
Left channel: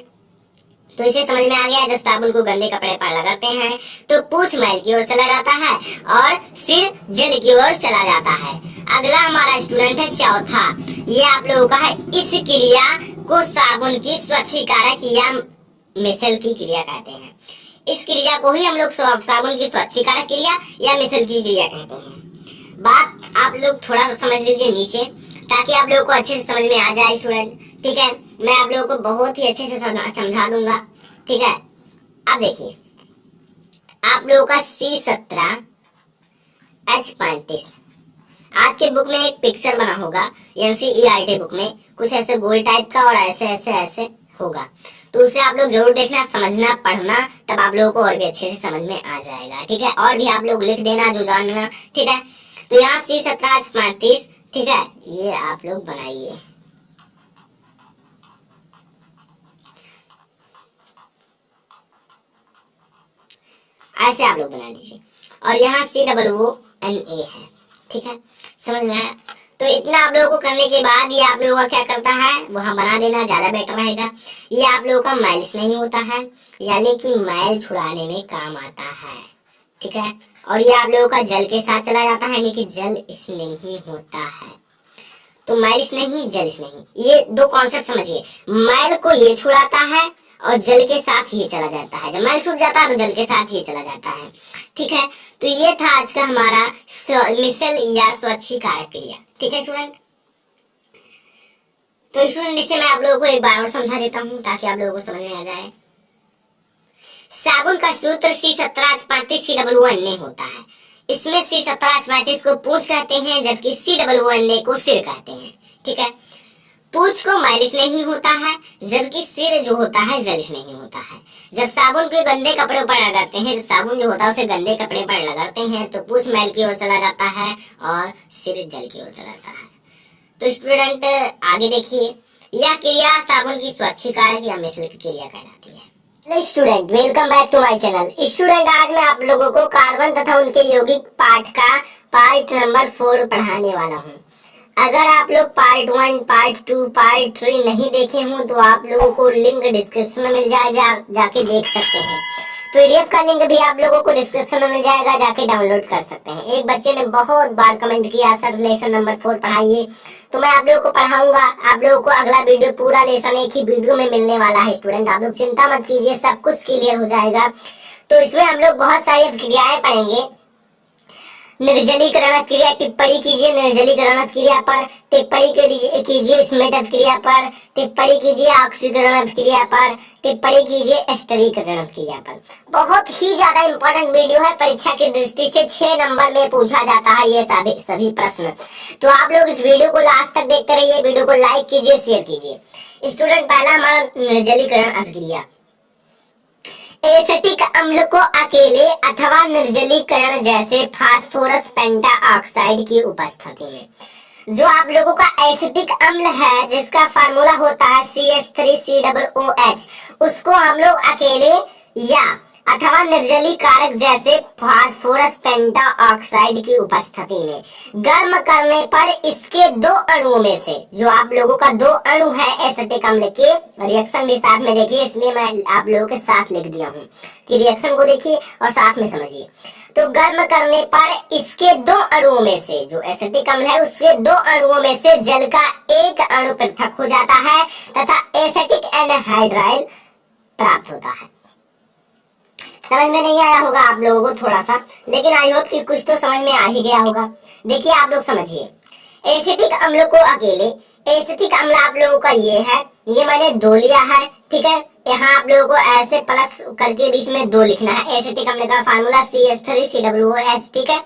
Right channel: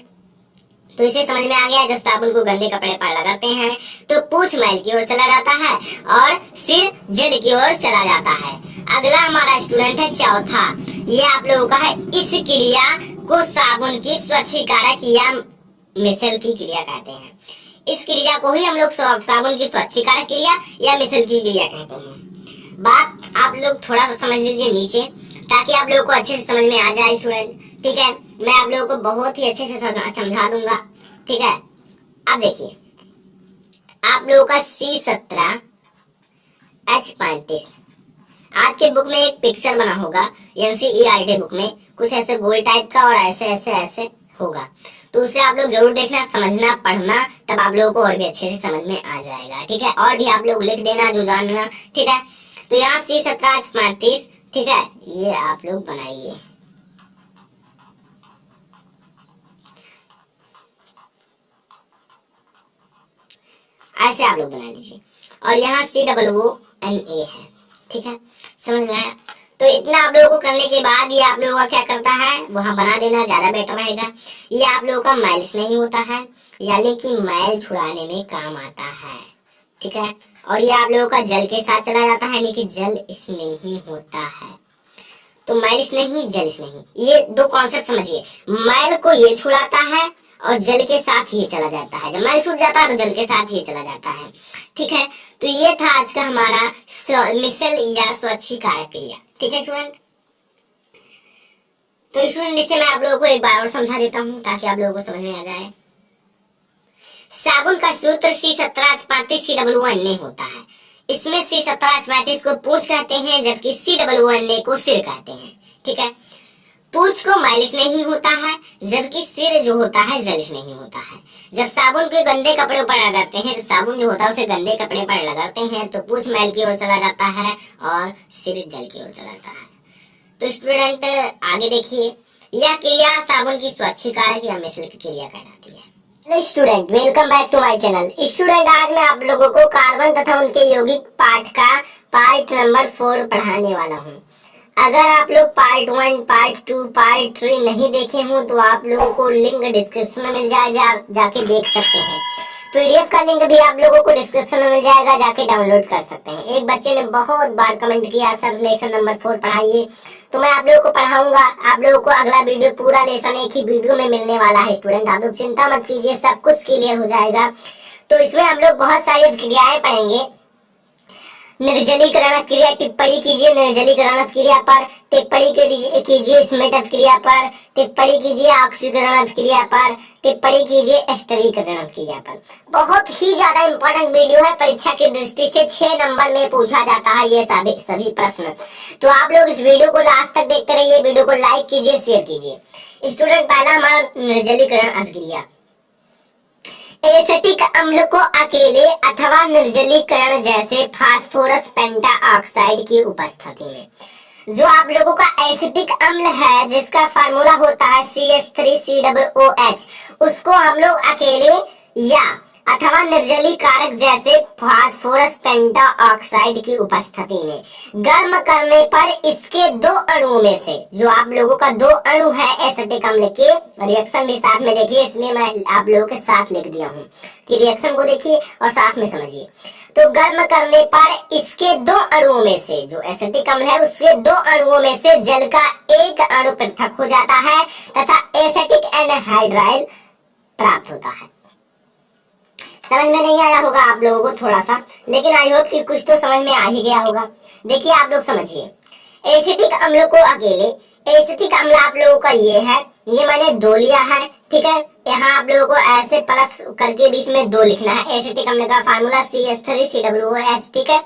तो इसे समझ में आ गया, जब साबुन को गंदे कपड़े पर लगाते हैं तो पूंछ मैल की ओर चला जाता है और सिर जल की ओर चला जाता है। अगला हमारा स्टूडेंट है चौथा, ये आप लोगों का है, इस क्रिया को साबुन की स्वच्छीकारक या मिसल की क्रिया कहते हैं। इस क्रिया को ही हम लोग साबुन की स्वच्छीकारक क्रिया या मिसल की क्रिया कहते हैं। बात आप लोग थोड़ा सा समझ लीजिए नीचे, ताकि आप लोगों को अच्छे से समझ में आ जाए स्टूडेंट, ठीक है। मैं आप लोगों को बहुत ही अच्छे से समझा दूंगा, ठीक है। अब देखिए, आप लोगों का C17H35 आपके बुक में एक पिक्चर बना होगा, NCERT बुक में कुछ ऐसे गोल टाइप का और ऐसे ऐसे ऐसे होगा, तो उसे आप लोग जरूर देखना, समझना, पढ़ना, तब आप लोगों को और भी अच्छे से समझ में आ जाएगा, ठीक है। और भी आप लोग लिख देना जो जानना, ठीक है। तो यहाँ C17H35, ठीक है, ये आप लोग बनाइए। ऐसे आप लोग बना लीजिए, और यहाँ COONA है, ठीक है। समझ में आया? तो इतना आप लोगों को करने के बाद ये आप लोगों का क्या करता है, वहां बना देना ज्यादा बेटर रहेगा। ये आप लोगों का माइल्स नहीं होता है, यानी कि मैल छुड़ाने में काम आता है, ठीक है। और ये आप लोगों का जल के साथ चला जाता है, यानी कि जल स्नेही होता है। तो मैल स्नेही, जल स्नेही, ये दो कॉन्सेप्ट समझिए। मैल को ये छुड़ाता है और जल के साथ ही चला जाता है। जब मैल छूट जाता है तो जल के साथ ही चला जाता है, ठीक है। तो ये था आज का हमारा मिसल या स्वच्छीकारक क्रिया, ठीक है स्टूडेंट। तो स्टूडेंट इसे मैं आप लोगों को एक बार और समझा देता हूँ ताकि आप लोगों को समझ में आ जाए। साबुन का सूत्र C17H35 COONA होता है। इसमें C17H35 को पूंछ कहते हैं, जबकि COONA को सिर कहते हैं, ठीक है। पूंछ को मैलिस नहीं होता है, जबकि सिर जो होता है जलिस नहीं होता है। जब साबुन के गंदे कपड़े पर लगाते हैं, जब साबुन जो होता है उसे गंदे कपड़े पर लगाते हैं तो पूंछ मैल की ओर चला जाता है और सिर जल की ओर चला जाता है। तो स्टूडेंट आगे देखिए, यह क्रिया साबुन की स्वच्छीकारक या मिसल की क्रिया कहलाती है। Student welcome back to my channel. Student आज मैं आप लोगों को कार्बन तथा उनके यौगिक पाठ का पार्ट नंबर 4 पढ़ाने वाला हूँ। अगर आप लोग पार्ट 1, पार्ट 2, पार्ट 3 नहीं देखे हों तो आप लोगों को लिंक डिस्क्रिप्शन में मिल जाएगा, जाके देख सकते हैं। PDF का लिंक भी आप लोगों को डिस्क्रिप्शन में मिल जाएगा, जाके डाउनलोड कर सकते हैं। एक बच्चे ने बहुत बार कमेंट किया सर लेसन नंबर 4 पढ़ाइए, तो मैं आप लोगों को पढ़ाऊंगा। आप लोगों को अगला वीडियो पूरा लेसन एक ही वीडियो में मिलने वाला है स्टूडेंट, आप लोग चिंता मत कीजिए, सब कुछ क्लियर हो जाएगा। तो इसमें हम लोग बहुत सारी क्रियाएं पढ़ेंगे। निर्जलीकरण क्रिया टिप्पणी कीजिए, निर्जलीकरण क्रिया पर टिप्पणी कीजिए, स्मेटन क्रिया पर टिप्पणी कीजिए, ऑक्सीकरण क्रिया पर टिप्पणी कीजिए, एस्टरीकरण क्रिया पर। बहुत ही ज्यादा इंपॉर्टेंट वीडियो है, परीक्षा की दृष्टि से 6 नंबर में पूछा जाता है ये सभी प्रश्न। तो आप लोग इस वीडियो को लास्ट तक देखते रहिए, वीडियो को लाइक कीजिए, शेयर कीजिए। स्टूडेंट पहला हमारा निर्जलीकरण अभिक्रिया, एसिटिक अम्ल को अकेले अथवा निर्जलीकरण जैसे फास्फोरस पेंटाऑक्साइड की उपस्थिति में। जो आप लोगों का एसिटिक अम्ल है जिसका फार्मूला होता है CH3COOH, उसको हम लोग अकेले या अथवा निर्जलीकारक जैसे फास्फोरस पेंटाऑक्साइड की उपस्थिति में गर्म करने पर इसके 2 अणुओं में से, जो आप लोगों का 2 अणु है एसिटिक अम्ल के, रिएक्शन भी साथ में देखिए, इसलिए मैं आप लोगों के साथ लिख दिया हूँ कि रिएक्शन को देखिए और साथ में समझिए। तो गर्म करने पर इसके 2 अणुओं में से, जो एसिटिक अम्ल है उसके 2 अणुओं में से जल का 1 अणु पृथक हो जाता है तथा एसिटिक एनहाइड्राइल प्राप्त होता है। समझ में नहीं आया होगा आप लोगों को थोड़ा सा, लेकिन आई होप कि कुछ तो समझ में आ ही गया होगा। देखिए आप लोग समझिए, एसिटिक अम्ल को अकेले, एसिटिक अम्ल आप लोगों का ये है, ये मैंने 2 लिया है, ठीक है। यहाँ आप लोगों को ऐसे प्लस करके बीच में 2 लिखना है। एसिटिक अम्ल का फार्मूला CH3COOH, ठीक है।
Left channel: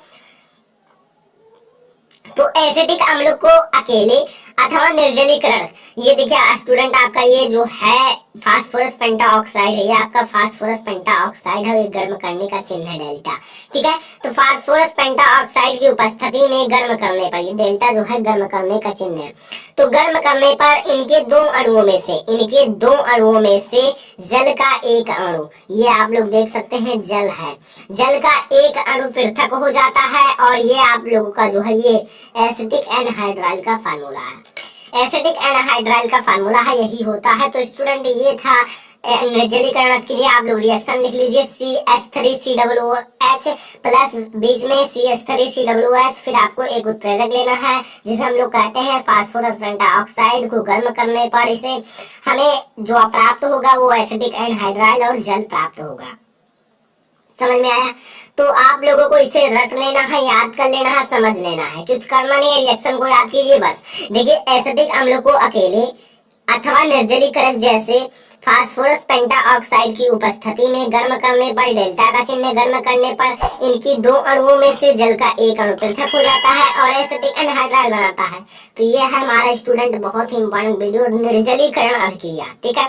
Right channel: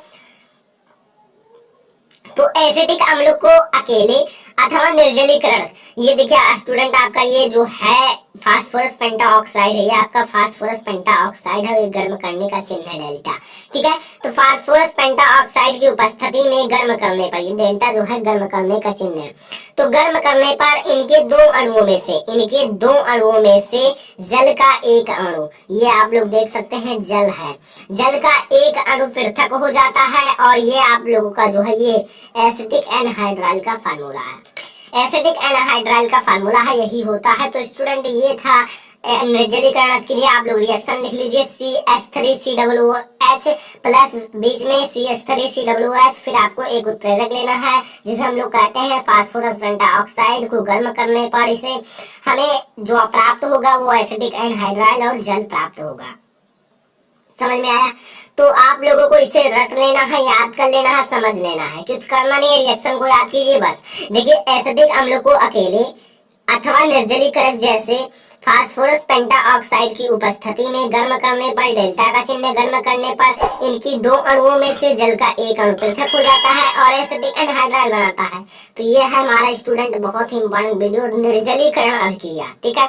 तो एसिटिक अम्ल को अकेले अथवा निर्जलीकरण, ये देखिए स्टूडेंट आपका ये जो है फास्फोरस पेंटाऑक्साइड है, ये आपका फास्फोरस पेंटाऑक्साइड है, ये गर्म करने का चिन्ह है डेल्टा। ठीक है, तो फास्फोरस पेंटाऑक्साइड की उपस्थिति में गर्म करने पर, ये डेल्टा जो है गर्म करने का चिन्ह है, तो गर्म करने पर इनके दो अणुओं में से जल का एक अणु, ये आप लोग देख सकते हैं जल है, जल का एक अणु पृथक हो जाता है, और ये आप लोगों का जो है ये एसिटिक एनहाइड्राइल का फार्मूला है, एसिटिक एनहाइड्राइल का फार्मूला है, यही होता है। तो स्टूडेंट ये था निर्जलीकरण क्रिया, आप लोग रिएक्शन लिख लीजिए CH3COOH प्लस बीच में CH3COOH, फिर आपको एक उत्प्रेरक लेना है जिसे हम लोग कहते हैं फास्फोरस पेंटाऑक्साइड को गर्म करने पर इसे हमें जो प्राप्त होगा वो एसिटिक एनहाइड्राइल और जल प्राप्त होगा। समझ में आया? तो आप लोगों को इसे रट लेना है, याद कर लेना है, समझ लेना है, कुछ करना नहीं है, रिएक्शन को याद कीजिए बस। देखिए एसिटिक अम्ल को अकेले अथवा निर्जलीकरण जैसे फास्फोरस पेंटाऑक्साइड की उपस्थिति में गर्म करने पर, डेल्टा का चिन्ह गर्म करने पर इनकी दो अणुओं में से जल का एक अणु पृथक हो जाता है और एसिटिक एनहाइड्राइल बनाता है। तो ये है हमारा स्टूडेंट बहुत ही इंपॉर्टेंट वीडियो, निर्जलीकरण अभिक्रिया। ठीक है,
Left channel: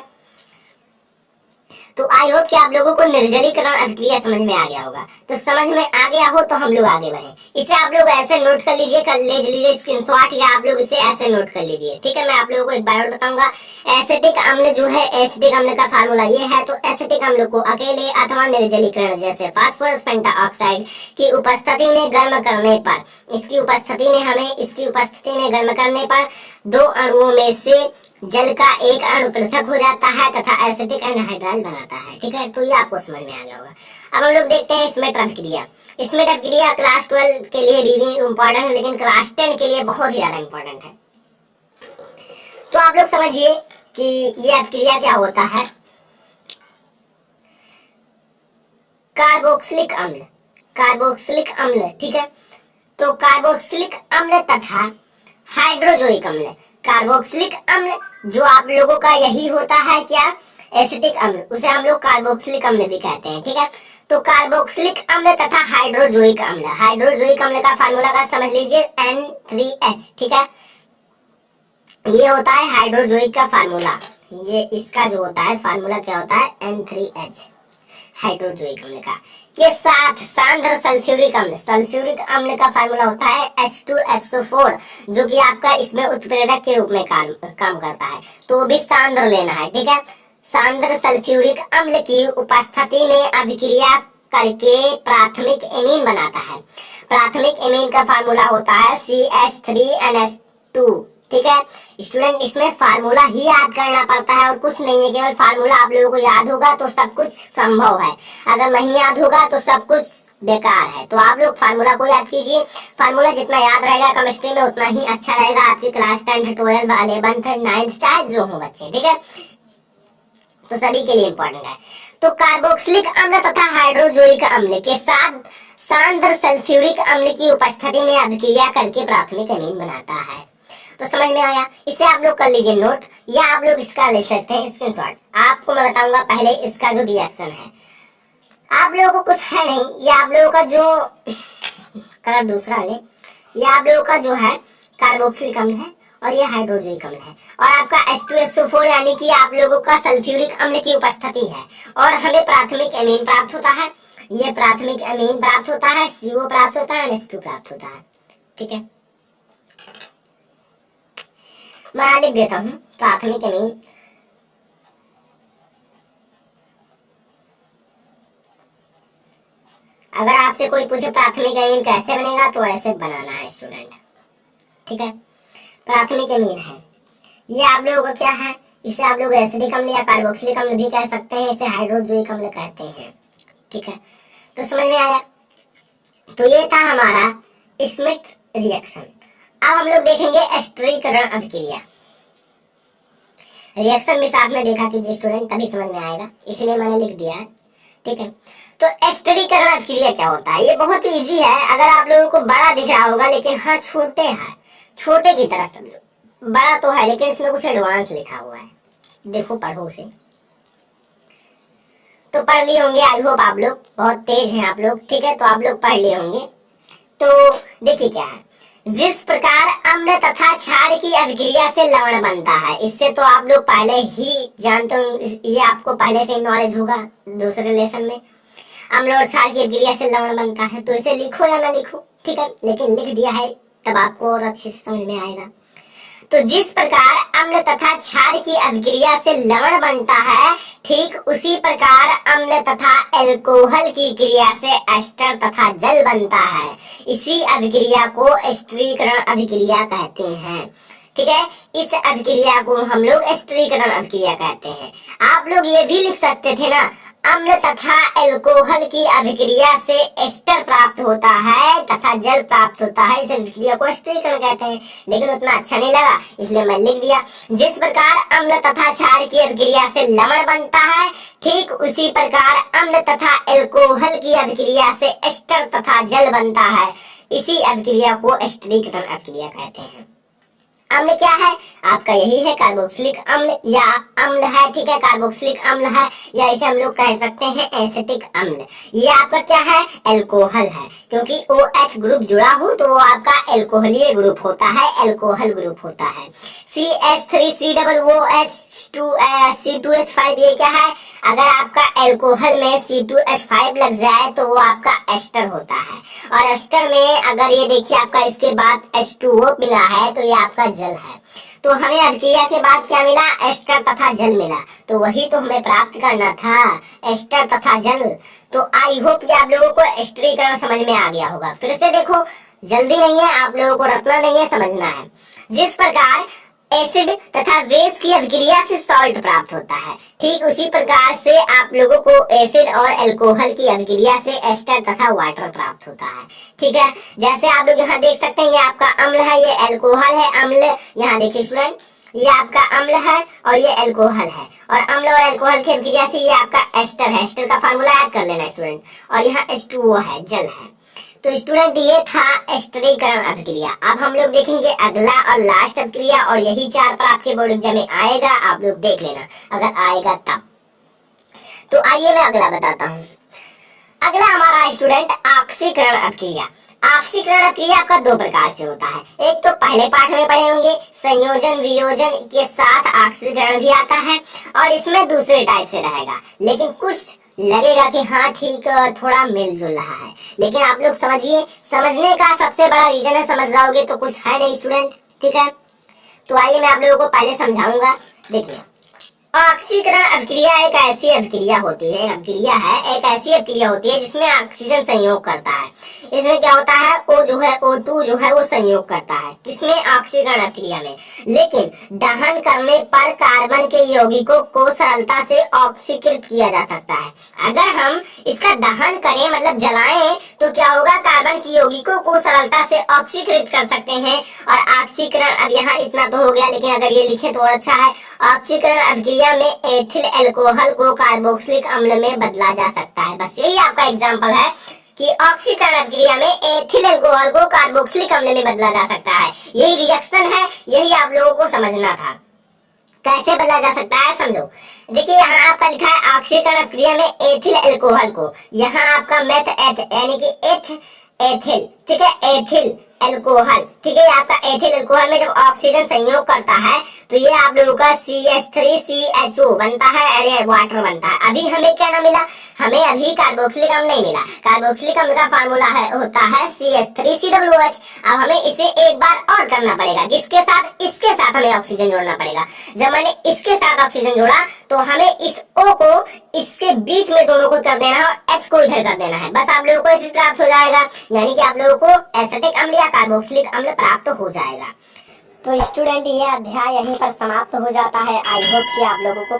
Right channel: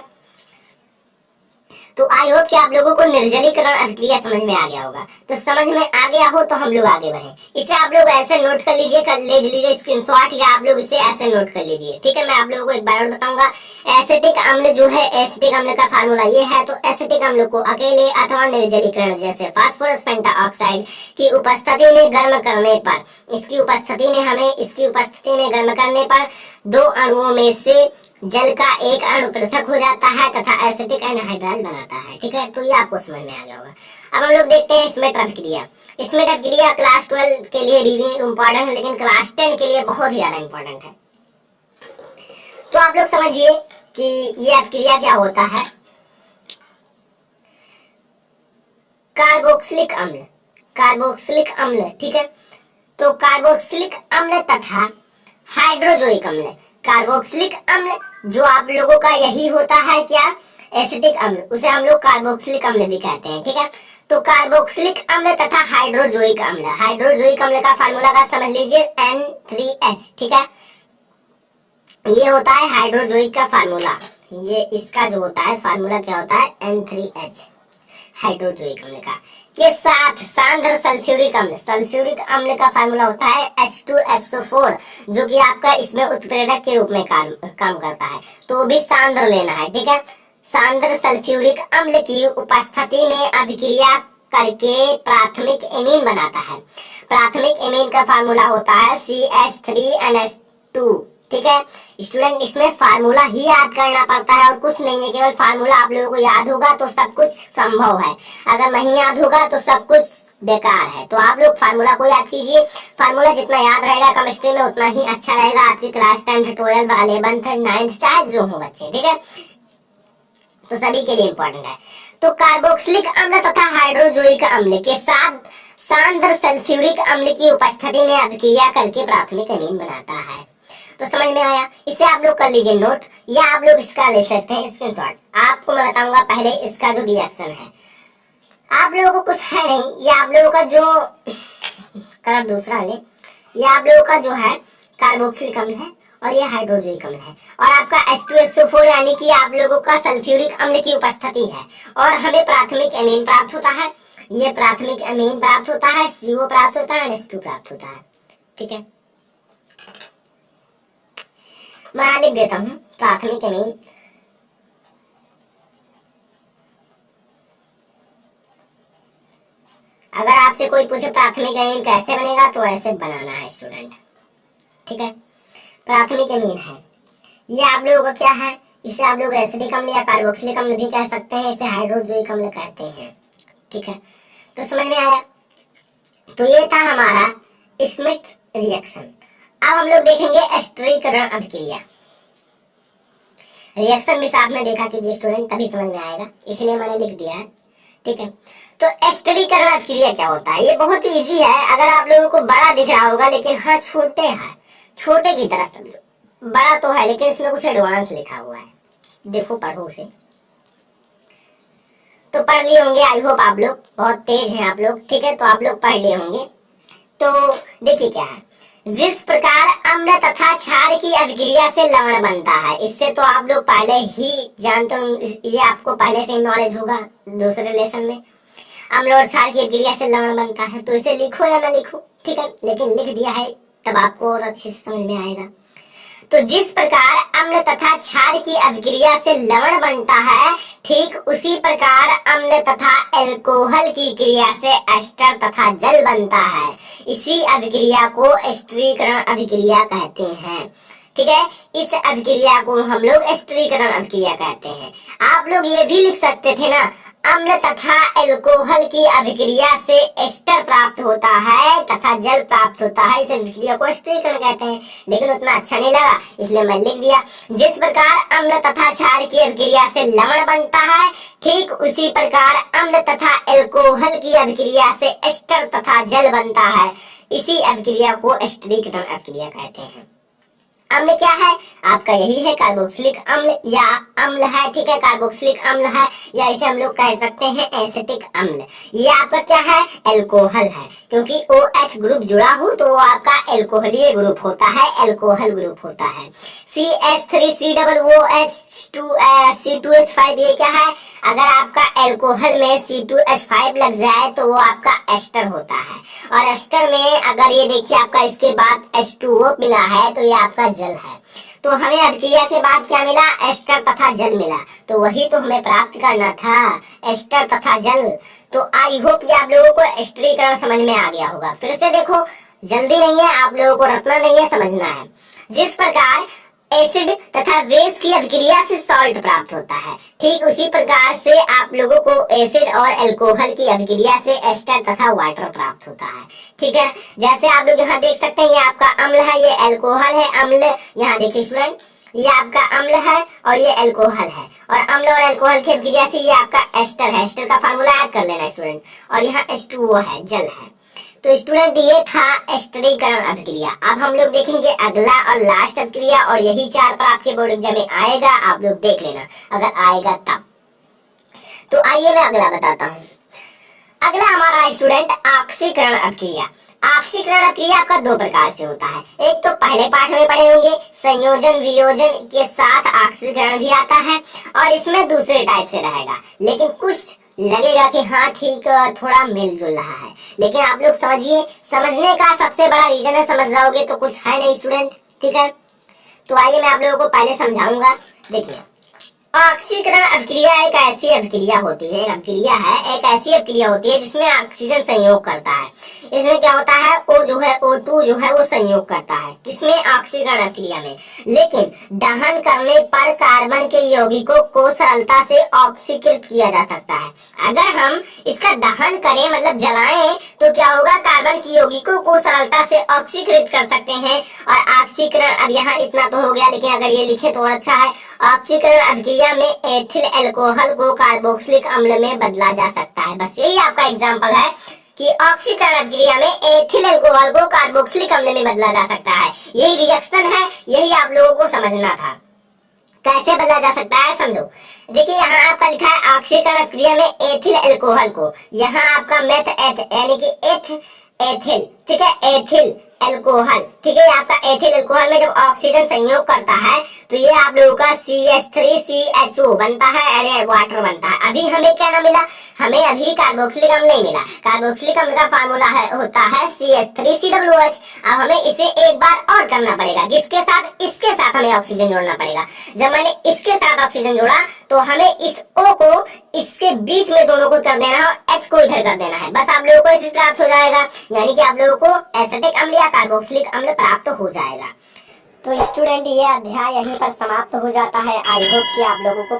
तो आई होप कि आप लोगों को निर्जलीकरण अभिक्रिया समझ में आ गया होगा। तो समझ में आ गया हो तो हम लोग आगे बढ़े। इसे आप लोग ऐसे नोट कर लीजिए, ले लीजिए स्क्रीनशॉट, या आप लोग इसे ऐसे नोट कर लीजिए। ठीक है, मैं आप लोगों को एक बार और बताऊंगा। एसिटिक अम्ल जो है, एसिटिक अम्ल का फार्मूला ये है। तो एसिटिक अम्ल को अकेले अथवा निर्जलीकरण जैसे फास्फोरस पेंटाऑक्साइड की उपस्थिति में गर्म करने पर, इसकी उपस्थिति में गर्म करने पर दो अणुओं में से जल का एक अणु पृथक हो जाता है तथा एसिटिक एनहाइड्राइल बनाता है। ठीक है, तो ये आपको समझ में आ गया होगा। अब हम लोग देखते हैं स्मिट अभिक्रिया। स्मिट अभिक्रिया क्लास 12 के लिए भी इम्पोर्टेंट है, लेकिन क्लास 10 के लिए बहुत ही ज्यादा इम्पोर्टेंट है। तो आप लोग समझिए कि ये अभिक्रिया क्या होता है। कार्बोक्सिलिक अम्ल, ठीक है, तो कार्बोक्सिलिक अम्ल तथा हाइड्रोजोइक अम्ल, कार्बोक्सिलिक अम्ल जो आप लोगों का यही होता है क्या, एसिटिक अम्ल, उसे हम लोग कार्बोक्सिलिक अम्ल भी कहते हैं। ठीक है, तो कार्बोक्सिलिक अम्ल तथा हाइड्रोजोइक अम्ल का फार्मूला का समझ लीजिए N3H। ठीक है, ये होता है हाइड्रोजोइक का फार्मूला, ये इसका जो होता है फार्मूला क्या होता है N3H हाइड्रोजोइक अम्ल का, के साथ सांद्र सल्फ्यूरिक अम्ल का फार्मूला होता है H2SO4, जो कि आपका इसमें उत्प्रेरक के रूप में काम करता है, तो भी सांद्र लेना है। ठीक है, सांद्र सल्फ्यूरिक अम्ल की उपस्थिति में अभिक्रिया करके प्राथमिक एमीन बनाता है। प्राथमिक एमीन का फार्मूला होता है CH3NH2। ठीक है स्टूडेंट, इसमें फार्मूला ही याद करना पड़ता है और कुछ नहीं है, केवल फार्मूला आप लोगों को याद होगा तो सब कुछ संभव है, अगर नहीं याद होगा तो सब कुछ बेकार है। तो आप लोग फार्मूला को याद कीजिए, फार्मूला जितना याद रहेगा केमिस्ट्री में उतना ही अच्छा रहेगा आपकी class 10th 12th 11th 9th चाहे जो हो बच्चे। ठीक है, तो सभी के लिए इंपॉर्टेंट है। तो कार्बोक्सिलिक अम्ल तथा हाइड्रोजोइक अम्ल के साथ सांद्र सल्फ्यूरिक अम्ल की उपस्थिति में अभिक्रिया करके प्राथमिक एमीन बनाता है। तो समझ में आया, इसे आप लोग कर लीजिए नोट, या आप लोग इसका ले सकते हैं स्क्रीनशॉट। आपको मैं बताऊंगा पहले इसका जो रिएक्शन है, आप लोगों को कुछ है नहीं, ये आप लोगों का जो कलर दूसरा ले, ये आप लोगों का जो है कार्बोक्सिलिक अम्ल है और ये हाइड्रोजोइक अम्ल है, और आपका H2SO4 यानी कि आप लोगों का सल्फ्यूरिक अम्ल की उपस्थिति है, और हमें प्राथमिक एमीन प्राप्त होता है, ये प्राथमिक एमीन प्राप्त होता है, CO प्राप्त होता है, NH2 प्राप्त होता है। ठीक है, मैं लिख देता हूं प्राथमिक एमीन, अगर आपसे कोई पूछे प्राथमिक एमीन कैसे बनेगा तो ऐसे बनाना है स्टूडेंट। ठीक है, प्राथमिक एमीन है, ये आप लोगों का क्या है, इसे आप लोग एसिडिक अम्ल या कार्बोक्सिलिक अम्ल भी कह सकते हैं, इसे हाइड्रोजोइक अम्ल कहते हैं। ठीक है, तो समझ में आया। तो ये था हमारा स्मिट रिएक्शन। अब हम लोग देखेंगे एस्टरीकरण अभिक्रिया, रिएक्शन भी साथ में देखा कीजिए स्टूडेंट, तभी समझ में आएगा, इसलिए मैंने लिख दिया है। ठीक है, तो एस्टरीकरण अभिक्रिया क्या होता है, ये बहुत ही इजी है, अगर आप लोगों को बड़ा दिख रहा होगा लेकिन हाँ छोटे है, छोटे की तरह समझो, बड़ा तो है लेकिन इसमें कुछ एडवांस लिखा हुआ है, देखो पढ़ो उसे, तो पढ़ लिए होंगे आई होप, आप लोग बहुत तेज हैं आप लोग। ठीक है, तो आप लोग पढ़ लिए होंगे। तो देखिए क्या है, जिस प्रकार अम्ल तथा क्षार की अभिक्रिया से लवण बनता है, इससे तो आप लोग पहले ही जानते हो, ये आपको पहले से ही नॉलेज होगा दूसरे लेसन में। अम्ल और क्षार की अभिक्रिया से लवण बनता है, तो इसे लिखो या ना लिखो, ठीक है, लेकिन लिख दिया है तब आपको और अच्छे से समझ में आएगा। तो जिस प्रकार अम्ल तथा क्षार की अभिक्रिया से लवण बनता है, ठीक उसी प्रकार अम्ल तथा एल्कोहल की क्रिया से एस्टर तथा जल बनता है। इसी अभिक्रिया को एस्टरीकरण अभिक्रिया कहते हैं, ठीक है। इस अभिक्रिया को हम लोग एस्टरीकरण अभिक्रिया कहते हैं। आप लोग ये भी लिख सकते थे ना, अम्ल तथा एल्कोहल की अभिक्रिया से एस्टर प्राप्त होता है तथा जल प्राप्त होता है, इस अभिक्रिया को एस्टरीकरण कहते हैं, लेकिन उतना अच्छा नहीं लगा इसलिए मैं लिख दिया। जिस प्रकार अम्ल तथा क्षार की अभिक्रिया से लवण बनता है, ठीक उसी प्रकार अम्ल तथा एल्कोहल की अभिक्रिया से एस्टर तथा जल बनता है। इसी अभिक्रिया को एस्टरीकरण अभिक्रिया कहते हैं। अम्ल क्या है आपका, यही है कार्बोक्सिलिक अम्ल या अम्ल है, ठीक है, कार्बोक्सिलिक अम्ल है, या इसे हम लोग कह सकते हैं एसिटिक अम्ल। ये आपका क्या है, एल्कोहल है, क्योंकि OH ग्रुप जुड़ा हो तो वो आपका एल्कोहलीय ग्रुप होता है, एल्कोहल ग्रुप होता है। CH3COOH2C2H5 ये क्या है, अगर आपका एल्कोहल में C2H5 लग जाए तो वो आपका एस्टर होता है, और एस्टर में अगर ये देखिए आपका इसके बाद H2O मिला है तो ये आपका जल है। तो हमें अभिक्रिया के बाद क्या मिला, एस्टर तथा जल मिला, तो वही तो हमें प्राप्त करना था, एस्टर तथा जल। तो आई होप कि आप लोगों को एस्टरीकरण समझ में आ गया होगा। फिर से देखो, जल्दी नहीं है, आप लोगों को रटना नहीं है, समझना है। जिस प्रकार एसिड तथा बेस की अभिक्रिया से सॉल्ट प्राप्त होता है, ठीक उसी प्रकार से आप लोगों को एसिड और अल्कोहल की अभिक्रिया से एस्टर तथा वाटर प्राप्त होता है, ठीक है। जैसे आप लोग यहाँ देख सकते हैं, ये आपका अम्ल है, ये अल्कोहल है, अम्ल यहाँ देखिए स्टूडेंट, ये आपका अम्ल है और ये अल्कोहल है, और अम्ल और अल्कोहल की अभिक्रिया से ये आपका एस्टर है। एस्टर का फार्मूला ऐड कर लेना स्टूडेंट, और यहाँ H2O है, जल है। तो स्टूडेंट ये था एस्टरीकरण अभिक्रिया। अब हम लोग देखेंगे अगला और लास्ट अभिक्रिया, और यही 4 पर आपके बोर्ड एग्जाम में आएगा, आप लोग देख लेना अगर आएगा तब। तो आइए मैं अगला बताता हूँ। अगला हमारा स्टूडेंट ऑक्सीकरण अभिक्रिया। ऑक्सीकरण अभिक्रिया आपका 2 प्रकार से होता है। एक तो पहले पाठ में पढ़े होंगे, संयोजन वियोजन के साथ ऑक्सीकरण भी आता है, और इसमें दूसरे टाइप से रहेगा, लेकिन कुछ लगेगा कि हाँ ठीक थोड़ा मिलजुल रहा है, लेकिन आप लोग समझिए, समझने का सबसे बड़ा रीजन है, समझ जाओगे तो कुछ है नहीं स्टूडेंट, ठीक है। तो आइए मैं आप लोगों को पहले समझाऊंगा। देखिए, ऑक्सीकरण अभिक्रिया एक ऐसी अभिक्रिया होती है, एक ऐसी अभिक्रिया होती है जिसमें ऑक्सीजन संयोग करता है। इसमें क्या होता है, O जो है, O2 जो है वो संयोग करता है, किसमें, ऑक्सीकरण अभिक्रिया में। लेकिन दहन करने पर कार्बन के यौगिकों को सरलता से ऑक्सीकृत किया जा सकता है। अगर हम इसका दहन करें, मतलब जलाएं, तो क्या होगा, कार्बन की यौगिकों को सरलता से ऑक्सीकृत कर सकते हैं। और ऑक्सीकरण, अब यहाँ इतना तो हो गया, लेकिन अगर ये लिखे तो अच्छा है। ऑक्सीकरण अभिक्रिया में एथिल अल्कोहल को कार्बोक्सिलिक अम्ल में बदला जा सकता है। बस यही आपका एग्जांपल है कि ऑक्सीकरण अभिक्रिया में एथिल अल्कोहल को कार्बोक्सिलिक अम्ल में बदला जा सकता है। यही रिएक्शन है, यही आप लोगों को समझना था। कैसे बदला जा सकता है समझो। देखिए, यहाँ आपका लिखा है ऑक्सीकरण अभिक्रिया में एथिल अल्कोहल को, यहाँ आपका मेथ एथ यानी कि एथिल, ठीक है, एथिल अल्कोहल, ठीक है, आपका एथिल अल्कोहल में जब ऑक्सीजन संयोग करता है तो ये आप लोगों का CH3CHO बनता है, अरे वाटर बनता है। अभी हमें क्या ना मिला, हमें अभी कार्बोक्सिलिक अम्ल नहीं मिला। कार्बोक्सिलिक अम्ल का फार्मूला होता है CH3COOH। अब हमें इसे एक बार और करना पड़ेगा, किसके साथ, इसके साथ हमें ऑक्सीजन जोड़ना पड़ेगा। जब मैंने इसके साथ ऑक्सीजन जोड़ा तो हमें इस O को इसके बीच में दोनों को कर देना है और H को इधर कर देना है, बस आप लोगों को एसिड प्राप्त हो जाएगा, यानी कि आप लोगों को एसिटिक अम्ल या कार्बोक्सिलिक अम्ल प्राप्त हो जाएगा। तो स्टूडेंट ये अध्याय यहीं पर समाप्त हो जाता है। आई होप कि आप लोगों को